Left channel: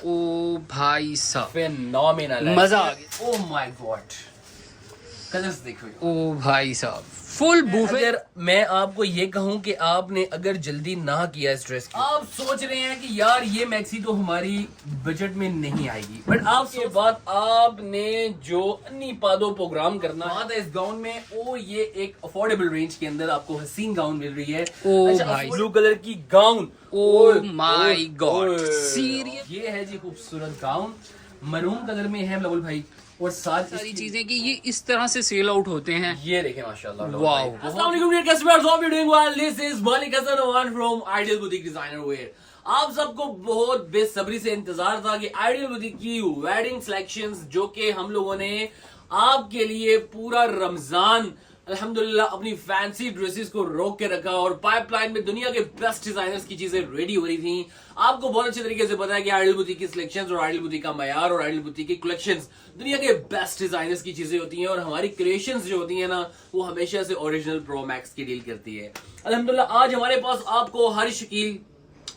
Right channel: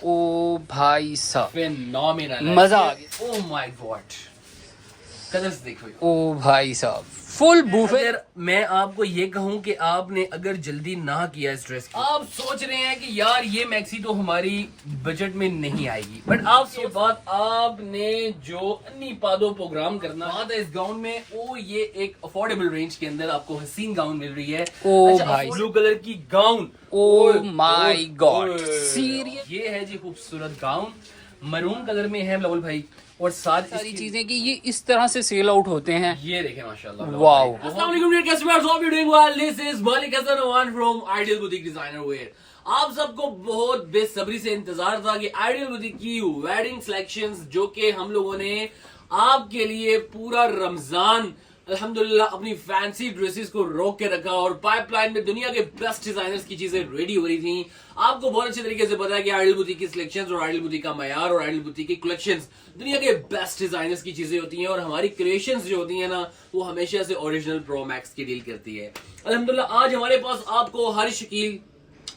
ओ भाई साहब, फिनोमिनल मजा आ गया। ओ माय गॉड, कलर्स देखो। ओ भाई साहब, फुल बूफे। अगर मैं आपको ये कहूं कि आपने अगर जल्दी ना किया इस ड्रेस की, आप सोच रहे हैं कि यार ये मैक्सी तो हमारी बजट में नहीं आएगी, बट आप के बाद आपने जो अन्नी पादो प्रोग्राम करना बात है इस गाउन में, वो ये एक अफोर्डेबल रेंज के अंदर आपको हसीन गाउन मिल रही है। ओ भाई, ब्लू कलर की gown, oh my God, serious. ये है जी खूबसूरत गाउन, मरून कलर में है लवल भाई, और सारी चीजें कि ये इस तरह से सेल आउट होते हैं। ये देखें माशाल्लाह। वाओ। अस्सलाम वालेकुम dear customers, hope you doing well. This is Malik Hasan Awan from ideal boutique designer wear. आप सबको बहुत बेसब्री से इंतजार था कि आइडियल बुटीक की वेडिंग सिलेक्शंस, जो कि हम लोगों ने आपके लिए पूरा रमजान अल्हम्दुलिल्लाह अपनी फैंसी ड्रेसेस को रोक के रखा, और पाइपलाइन में दुनिया के बेस्ट डिजाइनर्स की चीजें रेडी हो रही थी। आपको बहुत अच्छे तरीके से पता है कि आइडियल बुटीक की सिलेक्शंस और आइडियल बुटीक का मयार और आइडियल बुटीक की कलेक्शंस दुनिया के बेस्ट डिजाइनर्स की चीजें होती हैं, और हमारी क्रिएशंस जो होती हैं ना, वो हमेशा से ओरिजिनल प्रो मैक्स की डील करती है। अल्हम्दुलिल्लाह आज हमारे पास आपको हर शकील,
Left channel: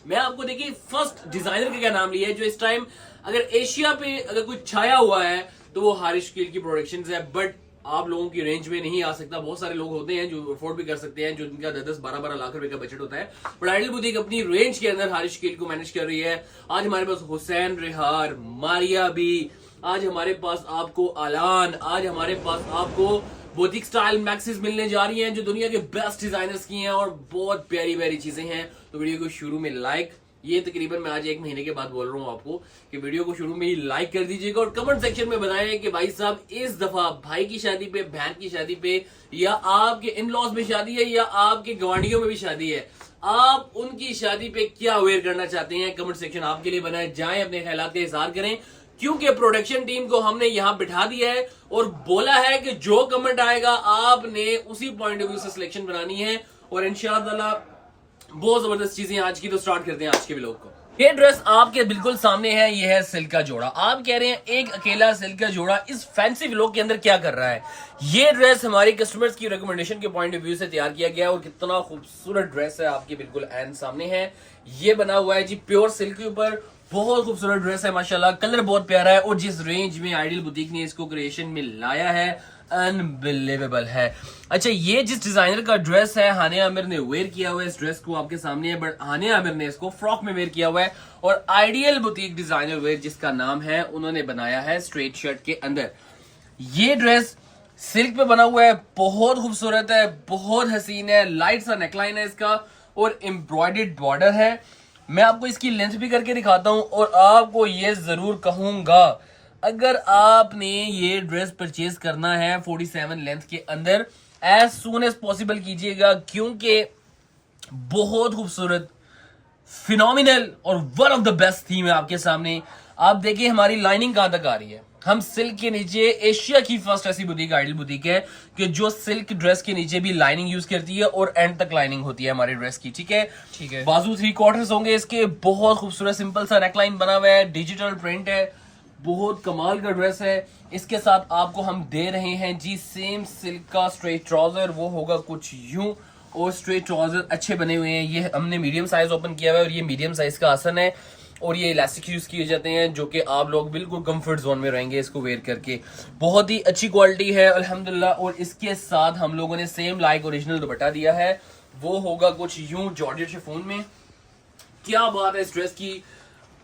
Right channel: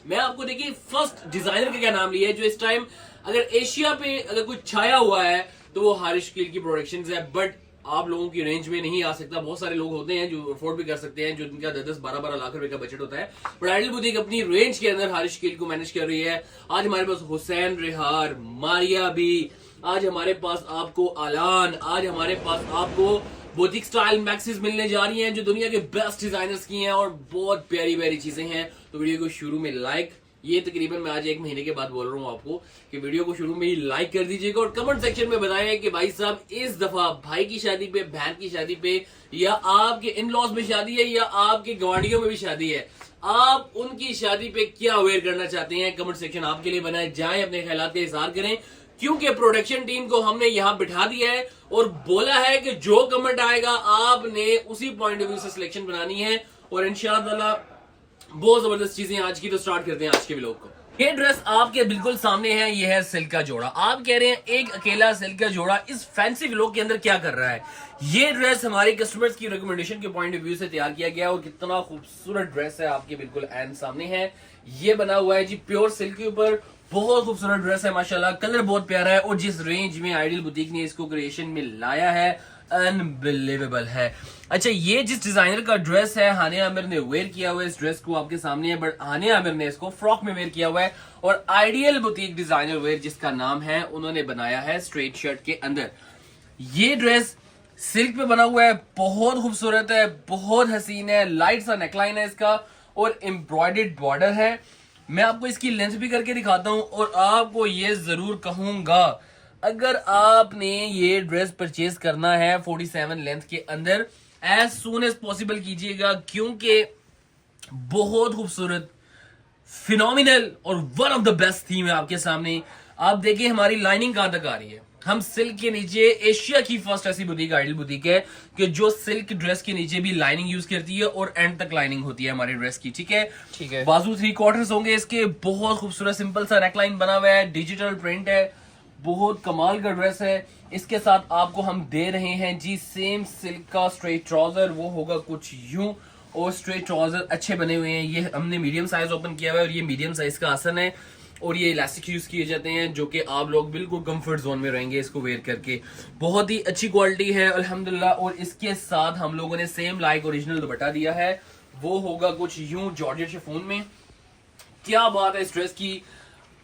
मैं आपको देखिए फर्स्ट डिजाइनर का क्या नाम लिया है जो इस टाइम अगर एशिया पे अगर कुछ छाया हुआ है तो वो हारिश कील की प्रोडक्शंस है, बट आप लोगों की रेंज में नहीं आ सकता। बहुत सारे लोग होते हैं जो अफोर्ड भी कर सकते हैं, जो जिनका 10-12 लाख रुपए का बजट होता है, बट आइडियल बुटीक अपनी रेंज के अंदर हारिश कील को मैनेज कर रही है। आज हमारे पास हुसैन रिहार, मारिया बी, आज हमारे पास आपको आलान, आज हमारे पास आपको बुटीक स्टाइल मैक्सीज मिलने जा रही हैं जो दुनिया के बेस्ट डिजाइनर्स की हैं, और बहुत प्यारी प्यारी चीजें हैं। तो वीडियो को शुरू में लाइक, ये तकरीबन मैं आज 1 महीने के बाद बोल रहा हूँ आपको कि वीडियो को शुरू में ही लाइक कर दीजिएगा, और कमेंट सेक्शन में बताएं कि भाई साहब इस दफा भाई की शादी पे, बहन की शादी पे, या आपके इन लॉज में शादी है, या आपके गवांडियों में भी शादी है, आप उनकी शादी पे क्या वेयर करना चाहते हैं। कमेंट सेक्शन आपके लिए बनाए, जाएं अपने ख्यालात का इजहार करें, क्योंकि प्रोडक्शन टीम को हमने यहां बिठा दिया है और बोला है कि जो कमेंट आएगा आपने उसी पॉइंट ऑफ व्यू से सिलेक्शन बनानी है, और इंशाअल्लाह बहुत जबरदस्त चीजें आज की। तो स्टार्ट करते हैं आज के व्लॉग को। ये ड्रेस आपके बिल्कुल सामने है, ये है सिल्क का जोड़ा। आप कह रहे हैं एक अकेला सिल्क का जोड़ा इस फैंसी व्लॉग के अंदर क्या कर रहा है। ये ड्रेस हमारे कस्टमर्स की रिकमेंडेशन के पॉइंट ऑफ व्यू से तैयार किया गया है, और कितना खूबसूरत ड्रेस है आपके बिल्कुल एंड सामने है। ये बना हुआ है जी प्योर सिल्क के ऊपर, बहुत खूबसूरत ड्रेस है माशाल्लाह, कलर बहुत प्यारा है, और जिस रेंज में आइडियल बुटीक ने इसको क्रिएशन में लाया है अनबिलीवेबल है। अच्छा, ये जिस डिजाइनर का ड्रेस है हानिया आमिर ने वेयर किया हुआ है, इस ड्रेस को आपके सामने है, बट हानिया आमिर ने इसको फ्रॉक में वेयर किया हुआ है, और आइडियल बुटीक डिजाइनर वेयर जिसका नाम है उन्होंने बनाया है स्ट्रेट शर्ट के अंदर। ये ड्रेस सिल्क पे बना हुआ है, बहुत खूबसूरत है, बहुत हसीन है, लाइट सा नेकलाइन है इसका, और एम्ब्रॉयडर्ड बॉर्डर है। मैं आपको इसकी लेंथ भी करके दिखाता हूं, और आपको ये जरूर कहूंगा अगर आपने ये ड्रेस परचेज करना है 47 लेंथ के अंदर, एज सून एज पॉसिबल कीजिएगा, क्योंकि बहुत खूबसूरत, फिनोमिनल और one of the best theme है आपके सामने। आप देखिए हमारी लाइनिंग कहां तक आ रही है। हम सिल्क के नीचे एशिया की फर्स्ट ऐसी बुटीक आइडियल बुटीक है कि जो सिल्क ड्रेस के नीचे भी लाइनिंग यूज करती है, और एंड तक लाइनिंग होती है हमारी ड्रेस की। ठीक है, ठीक है। बाजू 3/4 होंगे इसके, बहुत खूबसूरत सिंपल सा नेकलाइन बना हुआ है, डिजिटल प्रिंट है, बहुत कमाल का ड्रेस है। इसके साथ आपको हम दे रहे हैं जी सेम सिल्क का स्ट्रेट ट्राउजर, वो होगा कुछ यूं, और स्ट्रेट ट्राउजर अच्छे बने हुए हैं। ये हमने मीडियम साइज ओपन किया हुआ है, और ये मीडियम साइज का आसन है, और ये इलास्टिक यूज किए जाते हैं, जो कि आप लोग बिल्कुल कंफर्ट जोन में रहेंगे इसको वेयर करके। बहुत ही अच्छी क्वालिटी है अल्हम्दुलिल्लाह, और इसके साथ हम लोगों ने सेम लाइक ओरिजिनल दुपट्टा दिया है, वो होगा कुछ यूं जॉर्जेट शिफॉन में। क्या बात है इस ड्रेस की।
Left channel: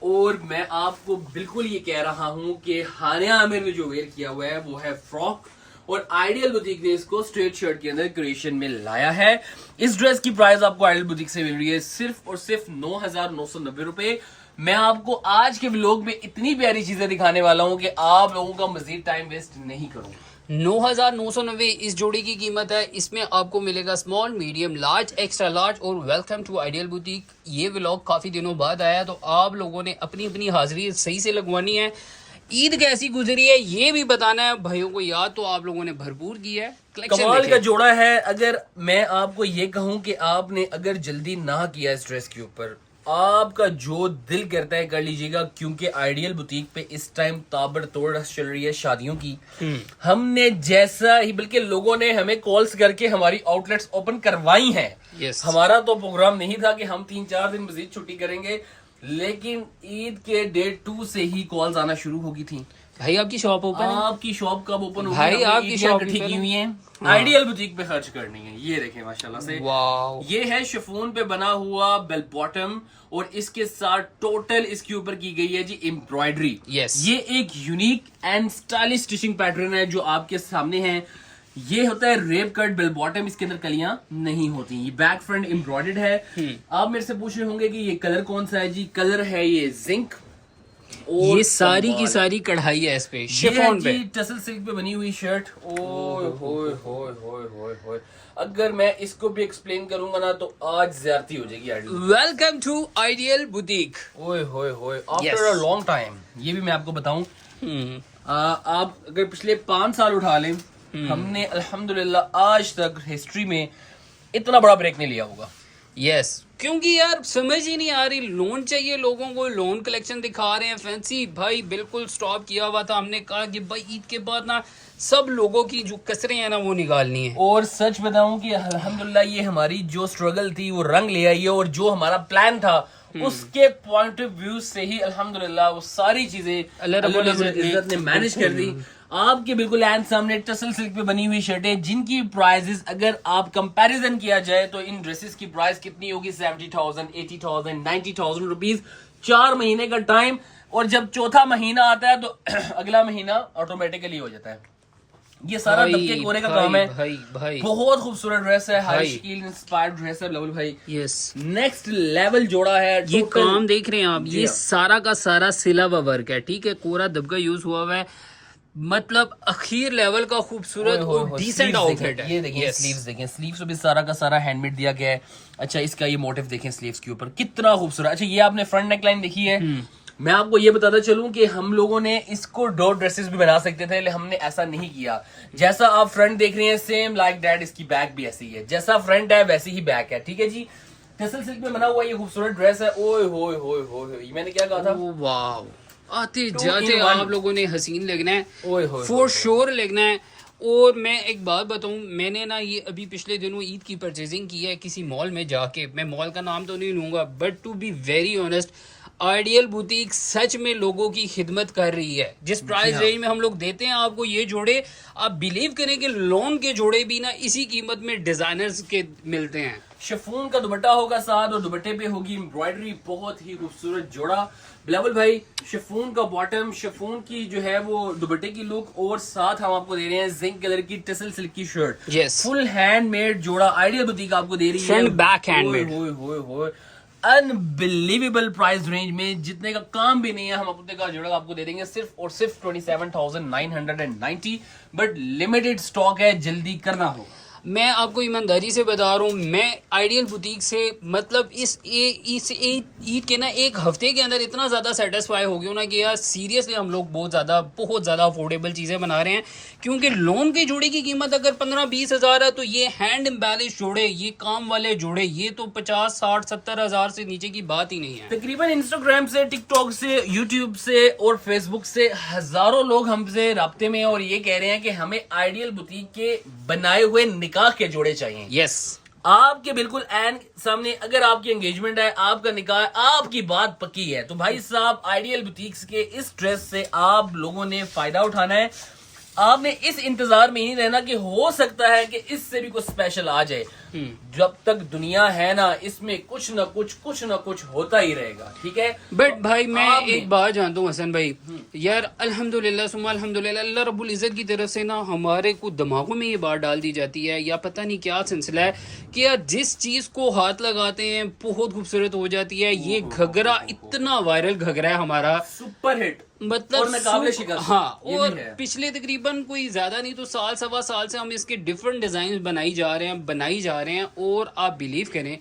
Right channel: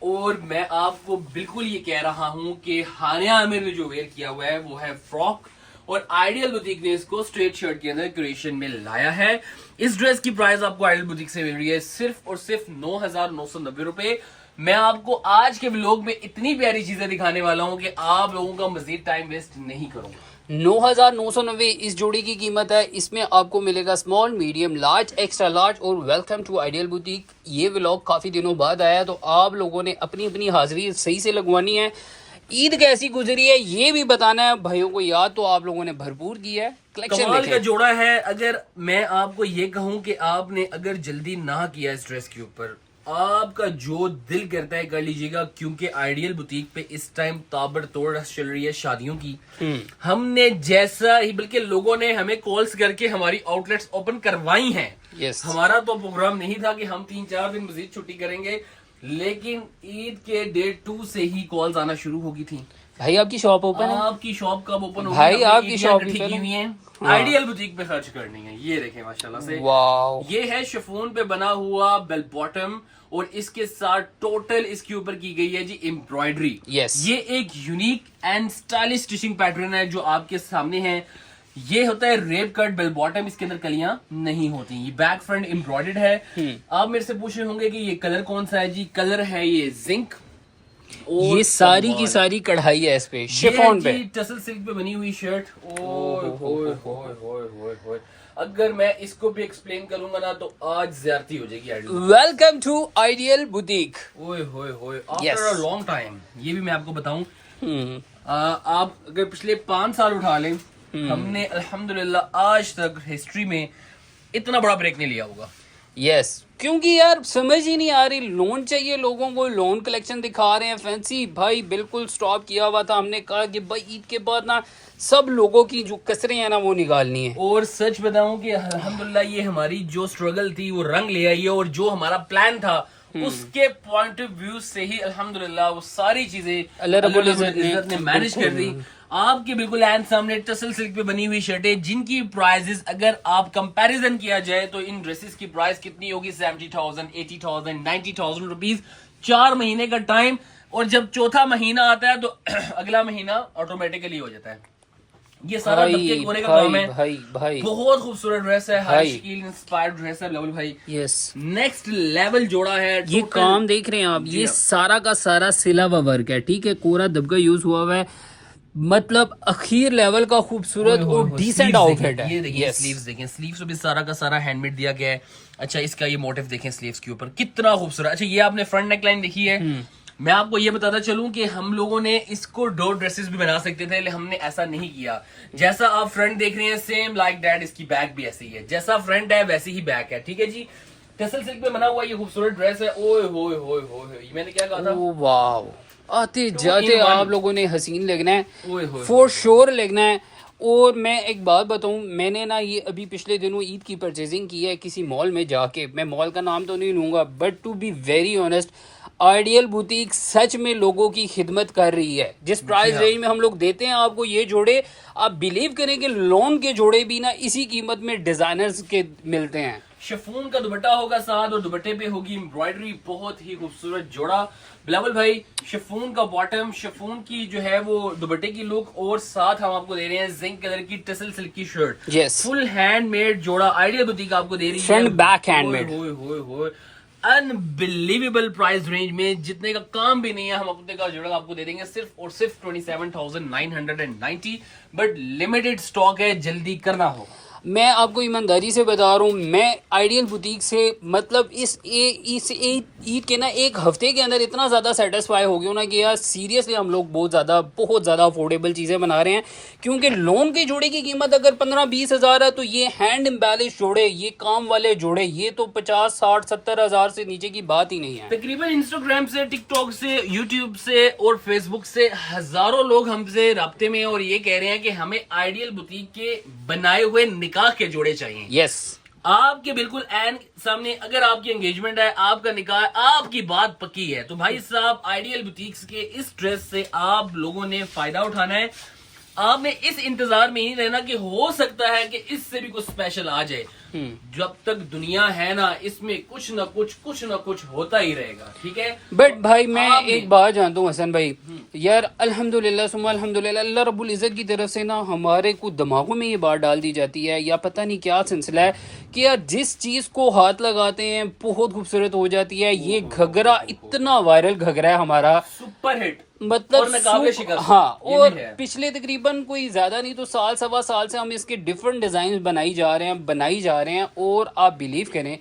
और मैं आपको बिल्कुल ये कह रहा हूं कि हानिया आमिर ने जो वेयर किया हुआ है वो है फ्रॉक, और आइडियल बुटीक ने इसको स्ट्रेट शर्ट के अंदर क्रिएशन में लाया है। इस ड्रेस की प्राइस आपको आइडियल बुटीक से मिल रही है सिर्फ और सिर्फ 9,990 रुपए। मैं आपको आज के व्लॉग में इतनी प्यारी चीजें दिखाने वाला हूं कि आप लोगों का मजीद टाइम वेस्ट नहीं करूंगा। 9,990 इस जोड़ी की कीमत है। इसमें आपको मिलेगा small, medium, large, extra large, और वेलकम टू आइडियल बुटीक। ये व्लॉग काफी दिनों बाद आया, तो आप लोगों ने अपनी अपनी हाजिरी सही से लगवानी है। ईद कैसी गुजरी है ये भी बताना है भाइयों को, याद तो आप लोगों ने भरपूर की है। कमाल का जोड़ा है। अगर मैं आपको ये कहूं कि आपने अगर जल्दी ना किया इस ड्रेस के ऊपर, आपका जो दिल करता है कर लीजिएगा, क्योंकि आइडियल बुटीक पे इस टाइम ताबड़तोड़ चल रही है शादियों की। हमने जैसा ही, बल्कि लोगों ने हमें कॉल्स करके हमारी आउटलेट्स ओपन करवाई हैं। yes. हमारा तो प्रोग्राम नहीं था कि हम 3-4 दिन मजीद छुट्टी करेंगे, लेकिन ईद के डे 2 से ही कॉल्स आना शुरू हो गई थी। भाई आपकी शॉप ओपन है? आपकी शॉप कब ओपन होगी? भाई आपकी शॉप इकट्ठी की हुई है, आइडियल बुटीक पे खर्च करनी है। ये देखें माशाल्लाह से, वाओ, ये है शिफॉन पे बना हुआ बेल बॉटम और इसके साथ टोटल इसके ऊपर की गई है जी एम्ब्रॉयडरी। Yes. ये एक unique and stylish stitching pattern है जो आपके सामने है। ये होता है रेप कट बेल बॉटम, इसके अंदर कलियां नहीं होती। ये बैक फ्रंट एम्ब्रॉयडर्ड है। आप मेरे से पूछ रहे होंगे कि ये कलर कौन सा है जी? कलर है ये जिंक। ये सारी की सारी कढ़ाई है इस पे, शिफॉन पे, टसल सिल्क पे बनी हुई शर्ट। ओए होए होए होए होए होए, अगर मैं इसको भी एक्सप्लेन करूंगा ना तो आज ज्यादती हो जाएगी ideal. Welcome to ideal boutique. ओए होए होए, आफ्टर अ लॉन्ग टाइम। ये भी मैं आपको बताऊं, आप अगर पिछले 5 साल उठा लें, हमने अल्हम्दुलिल्लाह आज तक हिस्ट्री में इतना बड़ा ब्रेक नहीं लिया होगा। यस, क्योंकि यार समझ ही नहीं आ रही, लोन चाहिए लोगों को, लोन कलेक्शन दिखा रहे हैं फैंसी। भाई बिल्कुल स्टॉप किया हुआ था, हमने कहा कि भाई ईद के बाद ना सब लोगों की जो कसरें हैं ना वो निकालनी है। और सच बताऊं कि अल्हम्दुलिल्लाह ये हमारी जो स्ट्रगल थी वो रंग ले आई है, और जो हमारा प्लान था उसके पॉइंट ऑफ व्यू से ही अल्हम्दुलिल्लाह वो सारी चीजें अल्लाह रब्बुल इज्जत ने मैनेज कर दी। आपके बिल्कुल एंड सामने टसल सिल्क पे बनी हुई शर्टें जिनकी प्राइजेस अगर आप कंपैरिजन किया जाए तो इन ड्रेसेस की प्राइस कितनी होगी? 70,000, 80,000, 90,000 रुपीज। 4 महीने का टाइम, और जब चौथा महीना आता है तो अगला महीना ऑटोमेटिकली हो जाता है। ये सारा दबके कोने का काम है। भाई बहुत खूबसूरत ड्रेस है, हाई शकील इंस्पायर्ड ड्रेस है बिलावल भाई। यस, नेक्स्ट लेवल जोड़ा है। ये काम देख रहे हैं आप, ये सारा का सारा सिला हुआ वर्क है, ठीक है, कोरा दबका यूज हुआ हुआ है, मतलब अखीर लेवल का खूबसूरत और डिसेंट आउटफिट है। ये देखिए स्लीव्स देखें, स्लीव्स में भी सारा का सारा हैंडमेड दिया गया है। अच्छा, इसका ये मोटिव देखें स्लीव्स के ऊपर, कितना खूबसूरत। अच्छा, ये आपने फ्रंट नेक लाइन देखी है। मैं आपको ये बताता चलूं कि हम लोगों ने इसको डॉट ड्रेसेस भी बना सकते थे, लेकिन हमने ऐसा नहीं किया। जैसा आप फ्रंट देख रहे हैं सेम लाइक दैट इसकी बैक भी ऐसी है, जैसा फ्रंट है वैसी ही बैक है, ठीक है जी। टसल सिल्क पे बना हुआ ये खूबसूरत ड्रेस है। ओए होए होए होए, मैंने क्या कहा था? वाव, आते जाते आप लोगों ने हसीन लगना है, ओए होए फॉर श्योर लगना है। और मैं एक बात बताऊं, मैंने ना ये अभी पिछले दिनों ईद की परचेजिंग की है किसी मॉल में जाके, मैं मॉल का नाम तो नहीं लूंगा, but to be very honest ideal boutique सच में लोगों की खिदमत कर रही है। जिस प्राइस रेंज में हम लोग देते हैं आपको ये जोड़े, आप बिलीव करें कि लोन के जोड़े भी ना इसी कीमत में डिजाइनर्स के मिलते हैं। शिफॉन का दुपट्टा होगा साथ, और दुपट्टे पे होगी एम्ब्रॉयडरी। बहुत ही खूबसूरत जोड़ा बिलावल भाई। शिफॉन का बॉटम, शिफॉन की जो है वो दुपट्टे की लुक, और साथ हम आपको दे रहे हैं जिंक कलर की टसल सिल्क की शर्ट। यस, फुल हैंडमेड जोड़ा आइडियल बुटीक आपको दे रही है। Front back handmade. होए होए होए, अनबिलीवेबल प्राइस रेंज में, जितने का काम भी नहीं है, हम अपने का जोड़ा आपको दे देंगे सिर्फ और सिर्फ 27,990। बट लिमिटेड स्टॉक है, जल्दी करना हो। मैं आपको ईमानदारी से बता रहा हूँ, मैं आइडियल बुटीक से मतलब इस ईद के ना एक हफ्ते के अंदर इतना ज़्यादा सेटिस्फाई हो गया ना कि यार सीरियसली हम लोग बहुत ज़्यादा अफोर्डेबल चीज़ें बना रहे हैं। क्योंकि लोन के जोड़े की कीमत अगर 15-20 हज़ार है, तो ये हैंड एम्बेलिश जोड़े, ये काम वाले जोड़े, ये तो 50-60-70 हज़ार से नीचे की बात ही नहीं है। तकरीबन इंस्टाग्राम से, टिकटॉक से, यूट्यूब से और फेसबुक से हजारों लोग हमसे राब्ते में हैं और ये कह रहे हैं कि हमें आइडियल बुटीक के बनाए हुए निकाह के जोड़े चाहिए। यस, आपके बिल्कुल एंड सामने अगर आपकी एंगेजमेंट है, आपका निकाह है, आपकी बात पक्की है, तो भाई साहब आइडियल बुटीक्स के इस ड्रेस से आप लोगों ने फायदा उठाना है। आपने इस इंतजार में ही रहना कि हो सकता है कि इससे भी कुछ स्पेशल आ जाए। जब तक दुनिया है ना, इसमें कुछ ना कुछ होता ही रहेगा, ठीक है। बट भाई मैं एक बात जानता हूँ हसन भाई, यार अल्हम्दुलिल्लाह सुम्मा अल्हम्दुलिल्लाह, अल्लाह रब्बुल इज्जत की तरफ से ना हमारे को दिमागों में ये बात डाल दी जाती है, या पता नहीं क्या सिलसिला है कि यार जिस चीज को हाथ लगाते हैं बहुत खूबसूरत हो जाती है। ये घघरा इतना वायरल घघरा है हमारा, सुपर हिट, मतलब हाँ, और पिछले तकरीबन कोई ज्यादा नहीं तो साल सवा साल से हम इसके डिफरेंट डिजाइन बनाई जा रहे हैं, और आप बिलीव करें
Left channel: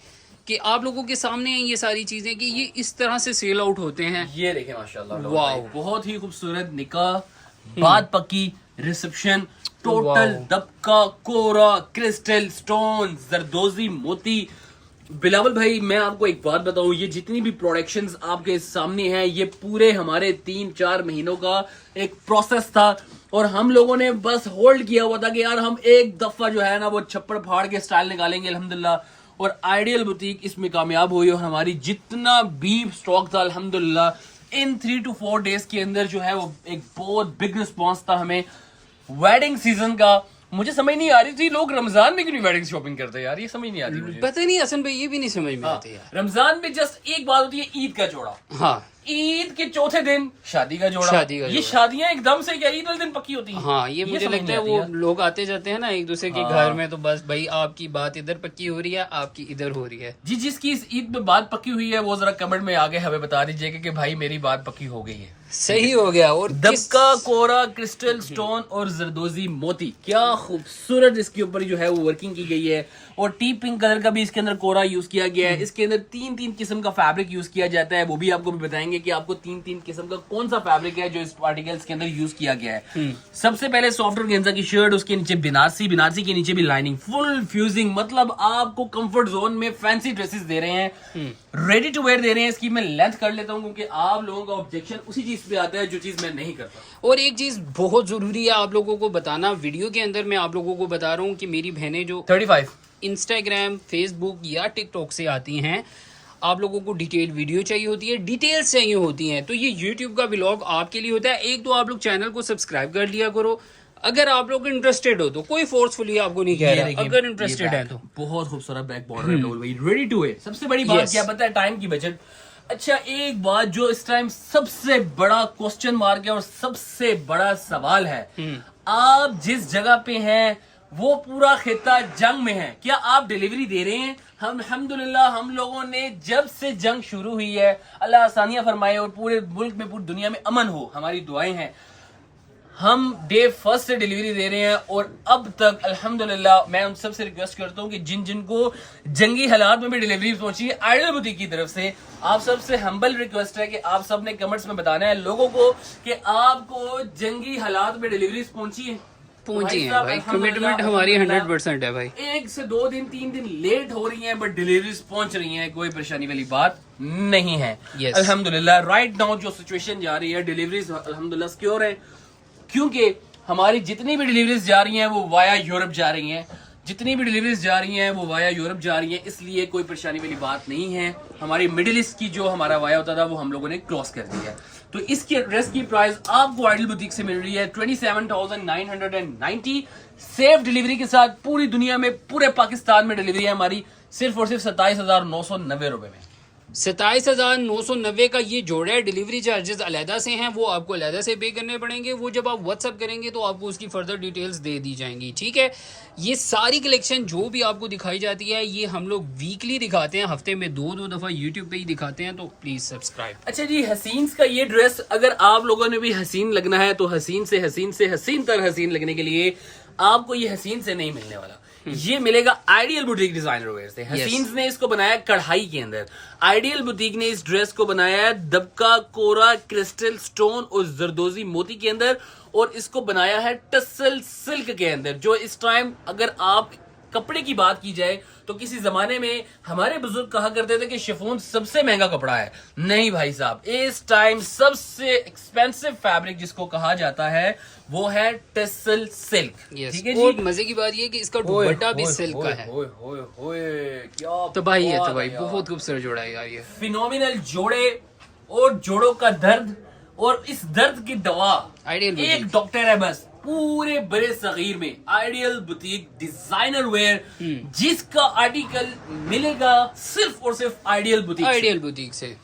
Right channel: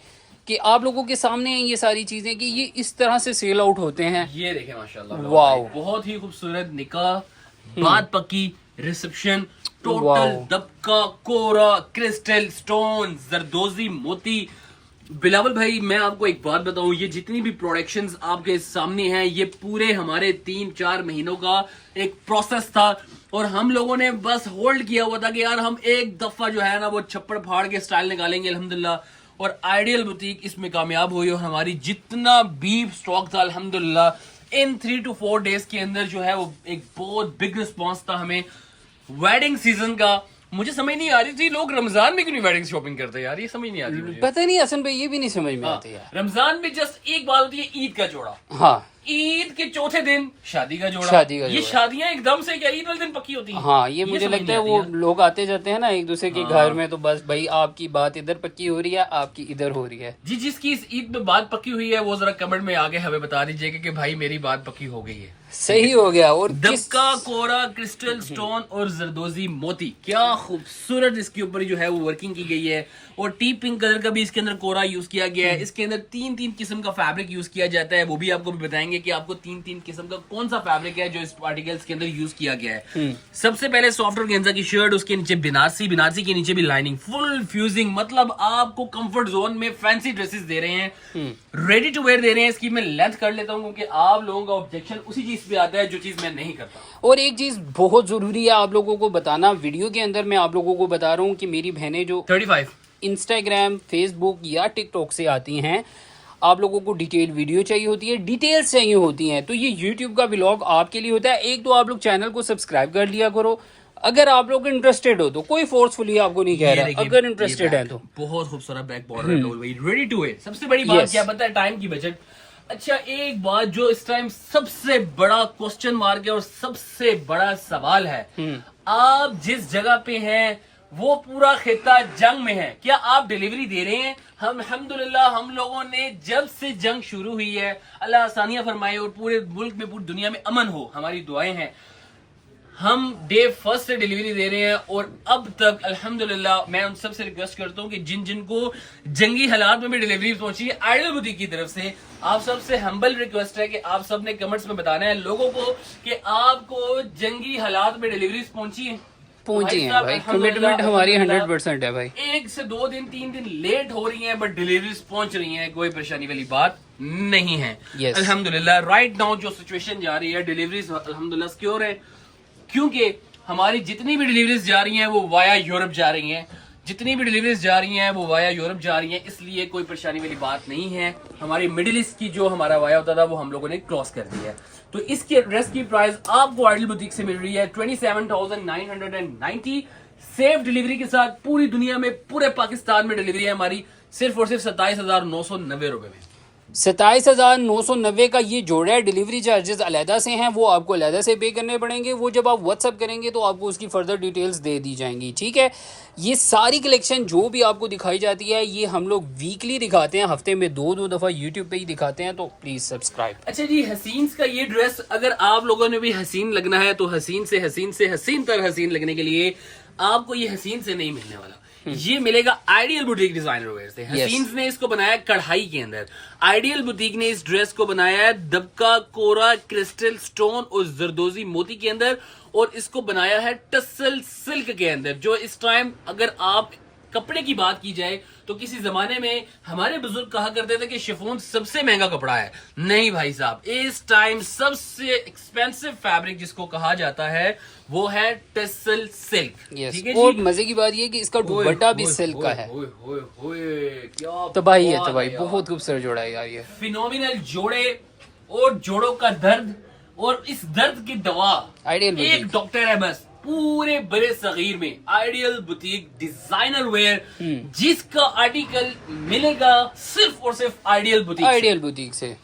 कि आप लोगों के सामने हैं ये सारी चीजें कि ये इस तरह से सेल आउट होते हैं। ये देखें माशाल्लाह, वाओ, बहुत ही खूबसूरत निकाह, बात पक्की, रिसेप्शन, टोटल दबका, कोरा, क्रिस्टल, स्टोन, जरदोजी, मोती। बिलावल भाई मैं आपको एक बात बताऊं, ये जितनी भी प्रोडक्शंस आपके सामने हैं, ये पूरे हमारे 3-4 महीनों का एक प्रोसेस था, और हम लोगों ने बस होल्ड किया हुआ था कि यार हम एक दफा जो है ना वो छप्पड़ फाड़ के स्टाइल निकालेंगे अल्हम्दुलिल्लाह, और आइडियल बुटीक इसमें कामयाब हुई और हमारी जितना भी स्टॉक था अल्हम्दुलिल्लाह इन 3 to 4 डेज के अंदर जो है वो एक बहुत बिग रिस्पॉन्स था हमें वेडिंग सीजन का। मुझे समझ नहीं आ रही थी लोग रमजान में क्यों नहीं वेडिंग शॉपिंग करते यार, ये समझ नहीं आ रही मुझे। पता नहीं हसन भाई, ये भी नहीं समझ में आते यार। रमजान में जस्ट एक बात होती है ईद का जोड़ा, हाँ ईद के चौथे दिन शादी का जोड़ा। शादी का ये जोड़ा। शादियां एकदम से क्या ईद वाले दिन पक्की होती हैं? हाँ, ये मुझे समझ लगता है नहीं वो आती लोग आते जाते हैं ना एक दूसरे के घर में, तो बस भाई आपकी बात इधर पक्की हो रही है, आपकी इधर हो रही है। जी जिसकी इस ईद में बात पक्की हुई है वो जरा कमेंट में आगे हमें बता दीजिएगा कि भाई मेरी बात पक्की हो गई है। सही हो गया। और दबका कोरा क्रिस्टल स्टोन और जरदोजी मोती, क्या खूबसूरत इसके ऊपर जो है वो वर्किंग की गई है। और टी पिंक कलर का भी इसके अंदर कोरा यूज किया गया है। इसके अंदर 3 किस्म का फैब्रिक यूज किया जाता है, वो भी आपको बताएंगे कि आपको 3 किस्म का कौन सा फैब्रिक है जो इस आर्टिकल्स के अंदर यूज किया गया है। सबसे पहले सॉफ्ट ऑर्गेन्जा की शर्ट, उसके नीचे बिनारसी के नीचे भी लाइनिंग, फुल फ्यूजिंग, मतलब आपको कंफर्ट जोन में फैंसी ड्रेसेस दे रहे हैं, रेडी टू वेयर दे रहे हैं। इसकी मैं लेंथ कर लेता हूं क्योंकि आप लोगों का ऑब्जेक्शन उसी चीज पे आता है जो चीज मैं नहीं करता। और एक चीज बहुत जरूरी है आप लोगों को बताना, वीडियो के अंदर मैं आप लोगों को बता रहा हूँ कि मेरी बहनें जो 35 इंस्टाग्राम, फेसबुक या टिकटॉक से आती हैं, आप लोगों को डिटेल वीडियो चाहिए होती है, डिटेल्स चाहिए होती हैं, तो ये यूट्यूब का व्लॉग आपके लिए होता है। एक तो आप लोग चैनल को सब्सक्राइब कर लिया करो, अगर आप लोग इंटरेस्टेड हो तो, कोई फोर्सफुली आपको नहीं कह रहा, अगर इंटरेस्टेड है तो। बहुत खूबसूरत बैक बॉर्डर है भाई, रेडी टू वेयर। सबसे बड़ी बात क्या पता है, टाइम की बचत। अच्छा एक बात जो इस टाइम सबसे बड़ा क्वेश्चन मार्क है और सबसे बड़ा सवाल है, आप जिस जगह पे हैं वो पूरा खिता जंग में है, क्या आप डिलीवरी दे रहे हैं? हम अल्हम्दुलिल्लाह हम लोगों ने जब से जंग शुरू हुई है, अल्लाह आसानियां फरमाए और पूरे मुल्क में पूरी दुनिया में अमन हो, हमारी दुआएं हैं, हम डे फर्स्ट से डिलीवरी दे रहे हैं। और अब तक अल्हम्दुलिल्लाह मैं उन सबसे रिक्वेस्ट करता हूं कि जिनको जंगी हालात में भी डिलीवरी पहुंची है आइडियल बुटीक की तरफ से, आप सबसे हम्बल रिक्वेस्ट है कि आप सब ने कमेंट्स में बताना है लोगों को कि आपको जंगी हालात में डिलीवरीज पहुंची है भाई। कमिटमेंट हमारी 100% है भाई। 1 से 2 दिन 3 दिन लेट हो रही हैं बट डिलीवरीज पहुंच रही हैं, कोई परेशानी वाली बात नहीं है। yes. अल्हम्दुलिल्लाह राइट नाउ जो सिचुएशन जा रही है, डिलीवरीज अल्हम्दुलिल्लाह सिक्योर है, क्योंकि हमारी जितनी भी डिलीवरीज जा रही हैं वो वाया यूरोप जा रही हैं, जितनी भी डिलीवरीज जा रही हैं वो वाया यूरोप जा रही हैं, इसलिए कोई परेशानी वाली बात नहीं है। हमारी मिडिल ईस्ट की जो हमारा वाया होता था वो हम लोगों ने क्रॉस कर दिया है। तो इसकी ड्रेस की प्राइस आपको आइडियल बुटीक से मिल रही है 27,990 सेफ डिलीवरी के साथ। पूरी दुनिया में पूरे पाकिस्तान में डिलीवरी है हमारी सिर्फ और सिर्फ 27,990 रुपए में। 27,990 का ये जोड़ा है। डिलीवरी चार्जेस अलहदा से हैं, वो आपको अलहदा से पे करने पड़ेंगे, वो जब आप व्हाट्सअप करेंगे तो आपको उसकी फर्दर डिटेल्स दे दी जाएंगी, ठीक है। ये सारी कलेक्शन जो भी आपको दिखाई जाती है ये हम लोग वीकली दिखाते हैं, हफ्ते में 2 दफा यूट्यूब पे ही दिखाते हैं, तो प्लीज सब्सक्राइब। अच्छा जी, हसीन का ये ड्रेस अगर आप लोगों ने भी हसीन लगना है तो हसीन से हसीन तर हसीन लगने के लिए आपको ये हसीन से नहीं मिलने वाला, ये मिलेगा आइडियल बुटीक डिजाइनर वेयर से। हसीन्स ने इसको बनाया कढ़ाई के अंदर, आइडियल बुटीक ने इस ड्रेस को बनाया है दबका कोरा क्रिस्टल स्टोन और जरदोजी मोती के अंदर, और इसको बनाया है टसल सिल्क के अंदर। जो इस टाइम अगर आप कपड़े की बात की जाए तो किसी जमाने में हमारे बुजुर्ग कहा करते थे कि शिफॉन सबसे महंगा कपड़ा है, नहीं भाई साहब, इस टाइम सबसे एक्सपेंसिव फैब्रिक जिसको कहा जाता है वो है टसल सिल्क, ठीक है जी। और मजे की बात ये कि इसका दुपट्टा भी सिल्क का है। क्या तबाही है, तबाही, बहुत खूबसूरत जोड़ा है यार ये। फिनोमिनल जोड़े और जोड़ों का दर्द और इस दर्द की दवा आइडियल एक डॉक्टर है बस पूरे बड़े सगीर में, आइडियल बुटीक डिजाइनर वेयर, जिसका आर्टिकल मिलेगा सिर्फ और सिर्फ आइडियल बुटीक से।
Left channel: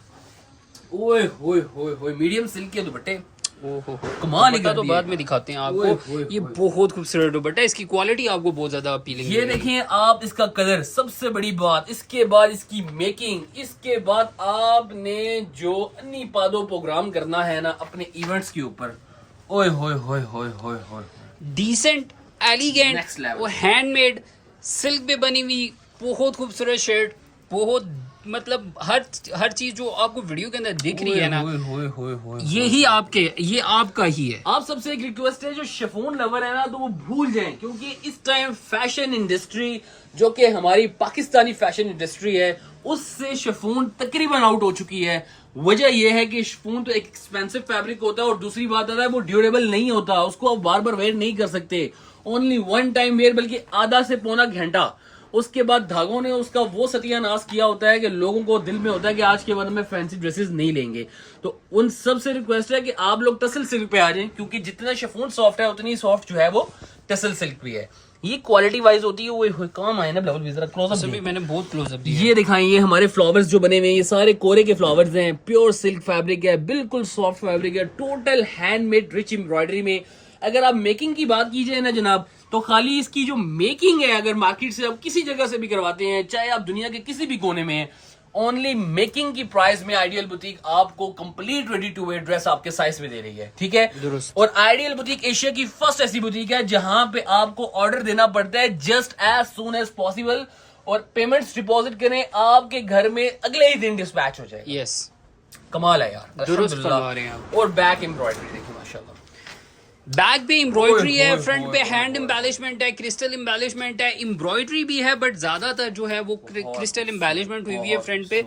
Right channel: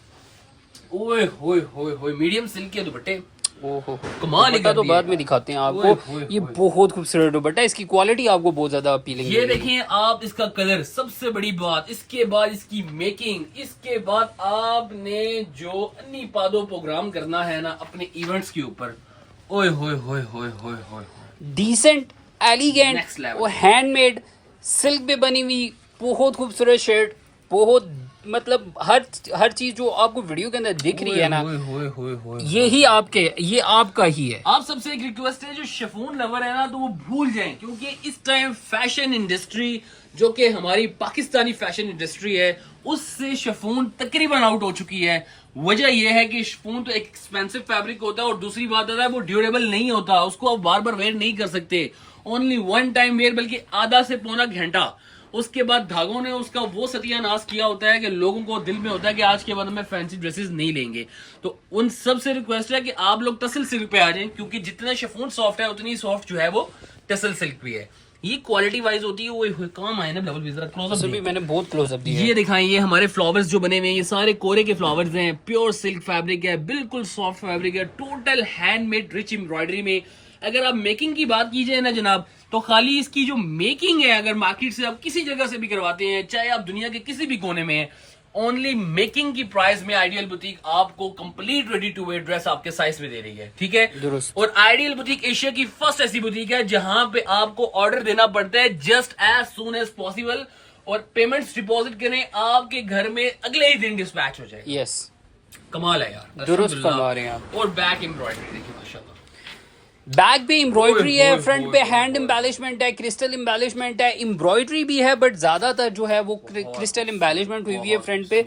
ओए होए होए होए, मीडियम सिल्क के दुपट्टे, ओहो कमाल दुपट्टा तो बाद में दिखाते हैं आपको। ये बहुत खूबसूरत दुपट्टा, इसकी क्वालिटी आपको बहुत ज्यादा अपीलिंग। ये देखें आप, इसका कलर, सबसे बड़ी बात, इसके बाद इसकी मेकिंग, इसके बाद आपने जो अन्नी पादो प्रोग्राम करना है ना अपने इवेंट्स के ऊपर, ओए होए होए होए होए होए, डिसेंट, एलिगेंट और हैंडमेड सिल्क पे बनी हुई बहुत खूबसूरत शर्ट, बहुत मतलब हर चीज जो आपको वीडियो के अंदर दिख रही है ना, ये आपका ही है। आप सबसे एक रिक्वेस्ट है, जो शिफॉन लवर है ना तो वो भूल जाएं, क्योंकि इस टाइम फैशन इंडस्ट्री जो कि हमारी पाकिस्तानी फैशन इंडस्ट्री है उससे शिफॉन तकरीबन आउट हो चुकी है। वजह यह है कि शिफॉन तो एक एक्सपेंसिव फैब्रिक होता है और दूसरी बात है वो ड्यूरेबल नहीं होता, उसको आप बार बार वेयर नहीं कर सकते, ओनली वन टाइम वेयर, बल्कि आधा से पौना घंटा उसके बाद धागों ने उसका वो सत्यानाश किया होता है कि लोगों को दिल में होता है कि आज के बाद में फैंसी ड्रेसेस नहीं लेंगे। तो उन सब से रिक्वेस्ट है कि आप लोग टसल सिल्क पे आ जाएं, क्योंकि जितना शिफॉन सॉफ्ट है उतनी सॉफ्ट जो है वो टसल सिल्क भी है। ये क्वालिटी वाइज होती है, वो काम आए ना लेवल भी, जरा क्लोजअप भी मैंने बहुत क्लोजअप दिया। ये दिखाएं, ये हमारे फ्लावर्स जो बने हुए हैं, ये सारे कोरे के फ्लावर्स हैं, प्योर सिल्क फैब्रिक है, बिल्कुल सॉफ्ट फैब्रिक है, टोटल हैंडमेड रिच एम्ब्रॉयडरी में। अगर आप मेकिंग की बात कीजिए ना जनाब, तो खाली इसकी जो मेकिंग है, अगर मार्केट से आप किसी जगह से भी करवाते हैं, चाहे आप दुनिया के किसी भी कोने में हैं, ओनली मेकिंग की प्राइस में आइडियल बुटीक आपको complete ready to wear dress आपके साइज में दे रही है, ठीक है। दुरुस्त। और आइडियल बुटीक एशिया की फर्स्ट ऐसी बुटीक है जहां पे आपको ऑर्डर देना पड़ता है just as soon as possible, और पेमेंट्स डिपॉजिट करें, आपके घर में अगले ही दिन डिस्पैच हो जाए। यस, कमाल है यार, दुरुस्त फरमा रहे हैं आप। और बैक एम्ब्रॉयडरी देखिए माशाल्लाह, बैक पे एम्ब्रॉयडरी है, ओए, फ्रंट ओए, पे ओए, हैंड ओए। एम्बेलिशमेंट है, क्रिस्टल एम्बेलिशमेंट है, एम्ब्रॉयडरी भी है, बट ज्यादातर जो है वो क्रिस्टल एम्बेलिशमेंट हुई हुई है फ्रंट पे,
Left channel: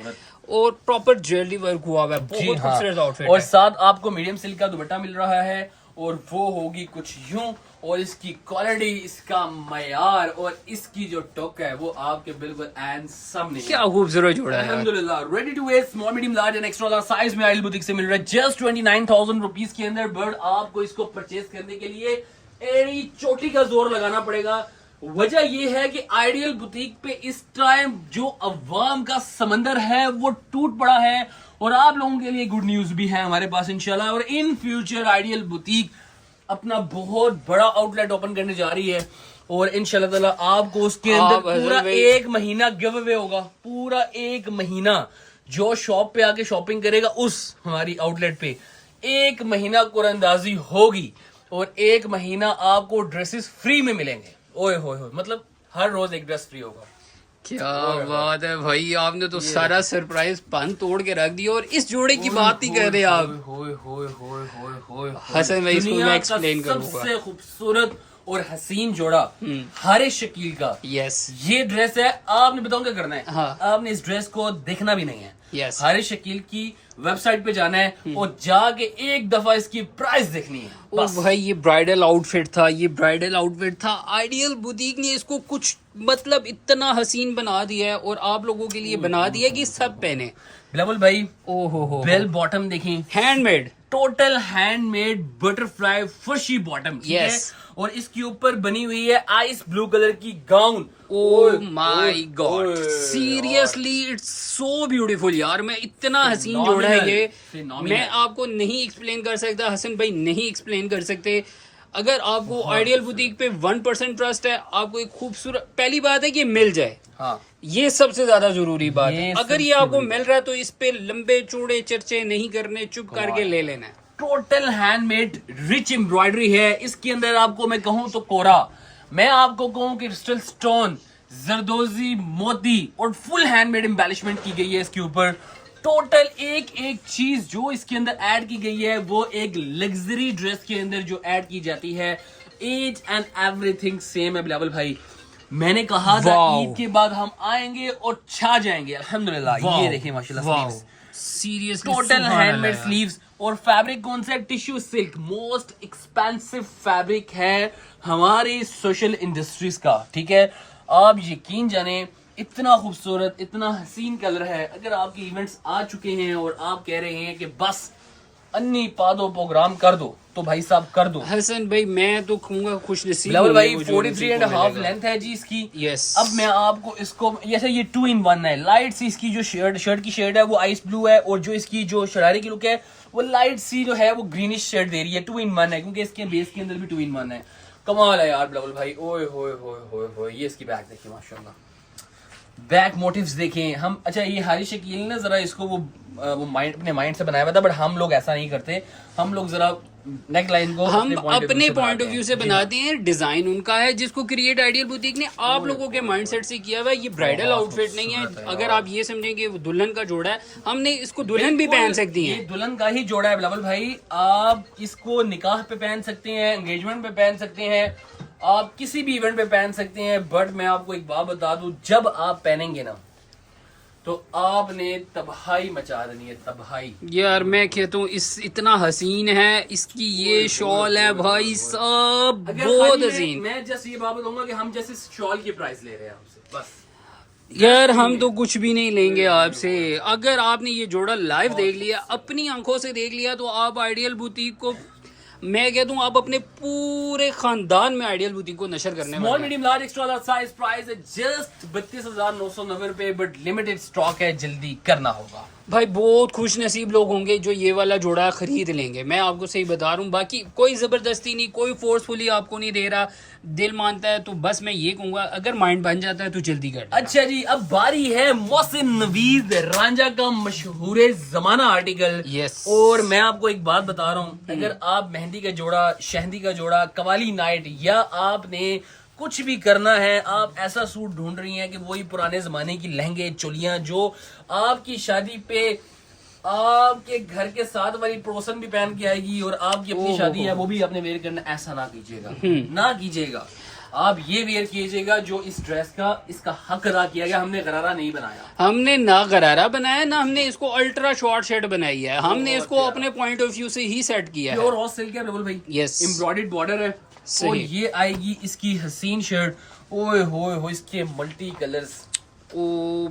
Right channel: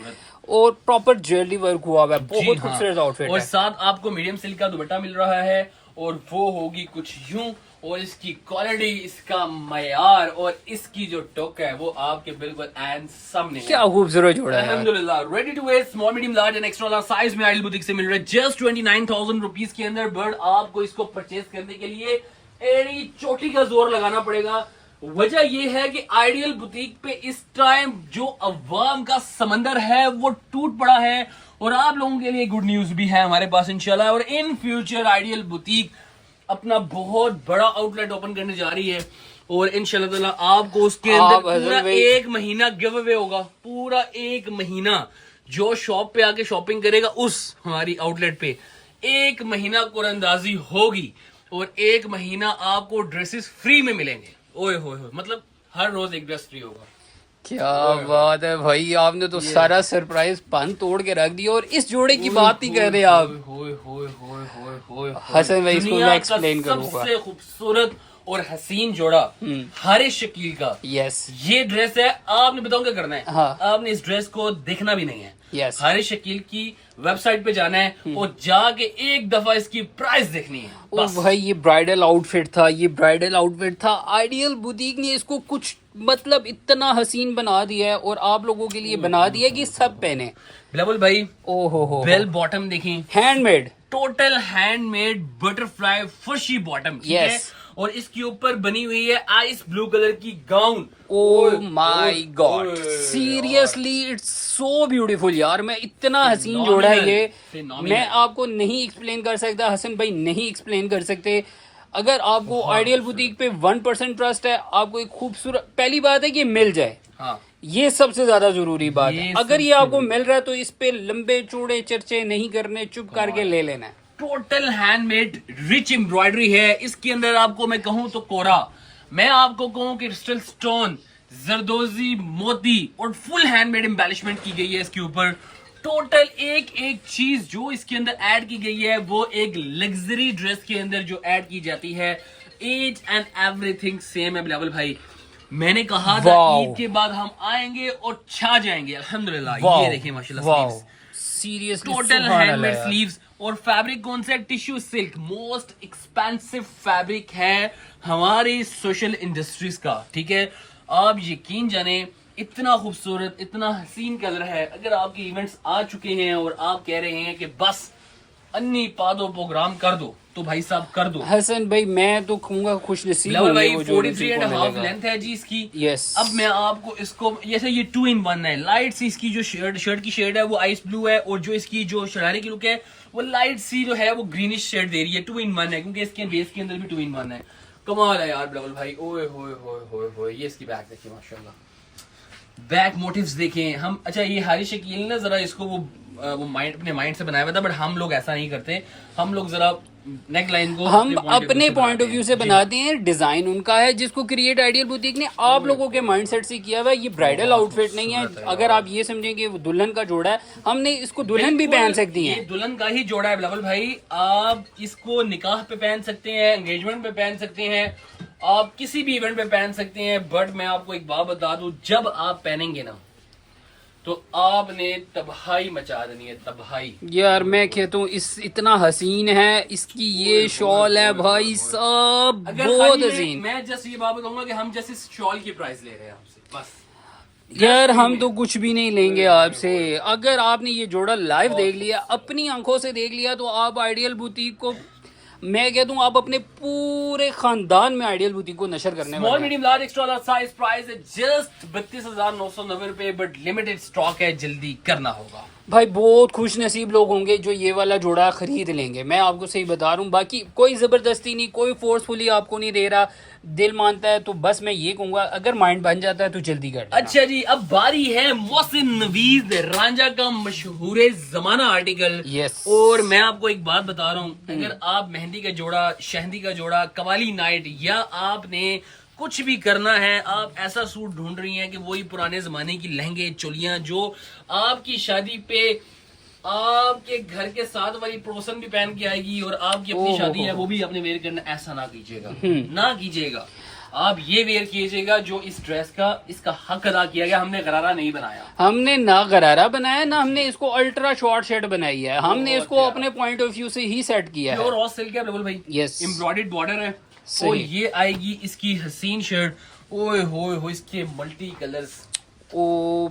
और प्रॉपर ज्वेलरी वर्क हुआ हुआ है। बहुत खूबसूरत आउटफिट और है। साथ आपको मीडियम सिल्क का दुपट्टा मिल रहा है, और वो होगी कुछ यूं, और इसकी क्वालिटी, इसका मयार और इसकी जो टोक है वो आपके बिल्कुल एंड सामने है। क्या खूबसूरत जोड़ा है। अल्हम्दुलिल्लाह, ready to wear small medium large and extra large size में आइडियल बुटीक से मिल रहा है जस्ट 29,000 रुपीज के अंदर। बट आपको इसको परचेज करने के लिए एड़ी चोटी का जोर लगाना पड़ेगा। वजह यह है कि आइडियल बुटीक पे इस टाइम जो अवाम का समंदर है वो टूट पड़ा है, और आप लोगों के लिए गुड न्यूज भी है हमारे पास इंशाल्लाह। और इन फ्यूचर आइडियल बुटीक अपना बहुत बड़ा आउटलेट ओपन करने जा रही है, और इंशाल्लाह ताला आपको उसके अंदर पूरा एक महीना गिव अवे होगा। पूरा एक महीना जो शॉप पे आके शॉपिंग करेगा उस हमारी आउटलेट पे एक महीना कुरंदाजी होगी, और एक महीना आपको ड्रेसेस फ्री में मिलेंगे। ओए होए होए, मतलब हर रोज एक ड्रेस फ्री होगा। क्या बात है भाई, आपने तो सारा सरप्राइज पान तोड़ के रख दिया। और इस जोड़े की बात ही कर रहे हैं आप। हसन भाई, इसको मैं एक्सप्लेन करूंगा। सबसे खूबसूरत और हसीन जोड़ा हारिस शकील का यस, ये ड्रेस है। आपने बताओ क्या करना है, हाँ। आपने इस ड्रेस को देखना भी नहीं है। यस, हारिस शकील की वेबसाइट पे जाना है और जाके एक दफा इसकी प्राइस देखनी है ओ भाई, ये ब्राइडल आउटफिट था, ये ब्राइडल आउटफिट था। आइडियल बुटीक ने इसको कुछ मतलब इतना हसीन बना दिया है, और आप लोगों के लिए बना दिया है कि सब पहने। बिलावल भाई, ओ हो, बेल बॉटम देखिए, हैंडमेड, टोटल हैंडमेड बटरफ्लाई फर्शी बॉटम, ठीक है। Yes. और इसके ऊपर बनी हुई है आइस ब्लू कलर की gown. Oh my God, seriously it's so beautiful यार। मैं इतना हसीन जोड़ा है ये, Phenomenal. मैं आपको नहीं एक्सप्लेन कर सकता, हसन भाई नहीं एक्सप्लेन कर सकते। अगर आपको आइडियल बुटीक पे 1% ट्रस्ट है, आपको एक खूबसूरत, पहली बात है कि मिल जाए, हाँ, ये सबसे ज्यादा जरूरी बात है। ये अगर ये आपको मिल रहा है तो इस पे लंबे चौड़े चर्चे नहीं करने, चुप करके ले लेना है। टोटल हैंडमेड रिच एम्ब्रॉयडरी है। इसके अंदर आपको मैं कहूं तो कोरा, मैं आपको कहूं कि क्रिस्टल स्टोन, जरदोजी, मोती और फुल हैंडमेड एम्बेलिशमेंट की गई है इसके ऊपर। टोटल एक एक चीज जो इसके अंदर ऐड की गई है वो एक लग्जरी ड्रेस के अंदर जो ऐड की जाती है, ईच एंड एवरीथिंग सेम है बिलावल भाई। मैंने कहा था ईद के बाद हम आएंगे और छा जाएंगे अल्हम्दुलिल्लाह। ये देखिए माशाल्लाह, सीरियसली टोटल हैंडमेड स्लीव्स, और फैब्रिक कौन सा है, tissue silk, most expensive fabric है हमारी सोशल इंडस्ट्रीज का, ठीक है। आप यकीन जाने इतना खूबसूरत, इतना हसीन कलर है। अगर आपके इवेंट्स आ चुके हैं और आप कह रहे हैं कि बस अन्नी पादो प्रोग्राम कर दो, तो भाई साहब कर दो। हसन भाई, मैं तो कहूंगा खुश नसीब भाई 43.5 लेंथ है जी इसकी। यस, अब मैं आपको इसको जैसे ये 2 in 1 है। लाइट सी इसकी जो शर्ट की शेड है वो आइस ब्लू है, और जो इसकी जो शरारे की लुक है वो लाइट सी जो है वो ग्रीनिश शेड दे रही है। 2 in 1 है, क्योंकि इसके बेस के अंदर भी 2 in 1 है। कमाल है यार बिलावल भाई। ओए होए होए होए होए, ये इसकी बैक देखिए माशाल्लाह, बैक मोटिव्स देखें हम। अच्छा, ये हारिस शकील ने जरा इसको वो माइंड, अपने माइंड से बनाया हुआ था, बट हम लोग ऐसा नहीं करते। हम लोग जरा नेक लाइन को हम अपने पॉइंट ऑफ व्यू से बनाते हैं। डिजाइन उनका है जिसको क्रिएट आइडियल बुटीक ने आप लोगों के माइंडसेट से किया हुआ है। ये ब्राइडल आउटफिट नहीं है। अगर आप ये समझें कि वो दुल्हन का जोड़ा है, हमने इसको दुल्हन भी पहन सकती हैं। ये दुल्हन का ही जोड़ा है बिलावल भाई। आप इसको निकाह पे पहन सकते हैं, एंगेजमेंट पे पहन सकते हैं, आप किसी भी इवेंट पे पहन सकते हैं। बट मैं आपको एक बात बता दूं, जब आप पहनेंगे ना तो आपने तबाही मचा देनी है, तबाही। यार मैं कहता हूँ इस इतना हसीन है, इसकी ये शॉल है भाई साहब, अगर बहुत खाली हसीन। मैं जस्ट ये बात बताऊंगा कि हम जैसे शॉल की प्राइस ले रहे हैं आपसे, बस। यार हम तो कुछ भी नहीं लेंगे आपसे। अगर आपने ये जोड़ा लाइव देख लिया, अपनी आंखों से देख लिया, तो आप आइडियल बुटीक को, मैं कहता हूँ आप अपने पूरे खानदान में आइडियल बुटीक को नशर करने स्मॉल वाले हैं। Medium large extra large size price है जस्ट 32,990 रुपए, बट लिमिटेड स्टॉक है, जल्दी करना होगा। भाई बहुत खुश नसीब लोग होंगे जो ये वाला जोड़ा खरीद लेंगे, मैं आपको सही बता रहा हूँ। बाकी कोई जबरदस्ती नहीं, कोई फोर्सफुली आपको नहीं दे रहा, दिल मानता है तो बस मैं ये कहूंगा अगर माइंड बन जाता है तो जल्दी कर लेना। अच्छा जी, अब बारी है मोहसिन नवीद रांझा का मशहूर जमाना आर्टिकल। Yes. और मैं आपको एक बात बता रहा हूँ, अगर आप मेहंदी का जोड़ा, शहदी का जोड़ा, कवाली नाइट, या आपने कुछ भी करना है, आप ऐसा सूट ढूंढ रही हैं कि वही पुराने जमाने की लहंगे चोलियां जो आपकी शादी पे आपके घर के साथ वाली पड़ोसन भी पहन के आएगी और आपकी अपनी शादी है वो भी आपने वेयर करना, ऐसा ना कीजिएगा, ना कीजिएगा। आप ये वेयर कीजिएगा जो इस ड्रेस का इसका हक अदा किया गया। हमने गरारा नहीं बनाया, हमने ना गरारा बनाया, ना हमने इसको अल्ट्रा शॉर्ट शर्ट बनाई है, हमने इसको प्यारा। अपने पॉइंट ऑफ व्यू से ही सेट किया है। प्योर रॉ सिल्क है बिल्कुल भाई। Yes. एम्ब्रॉयडर्ड बॉर्डर है सही। और ये आएगी इसकी हसीन शर्ट। ओए होए हो, इसके मल्टी कलर्स ओ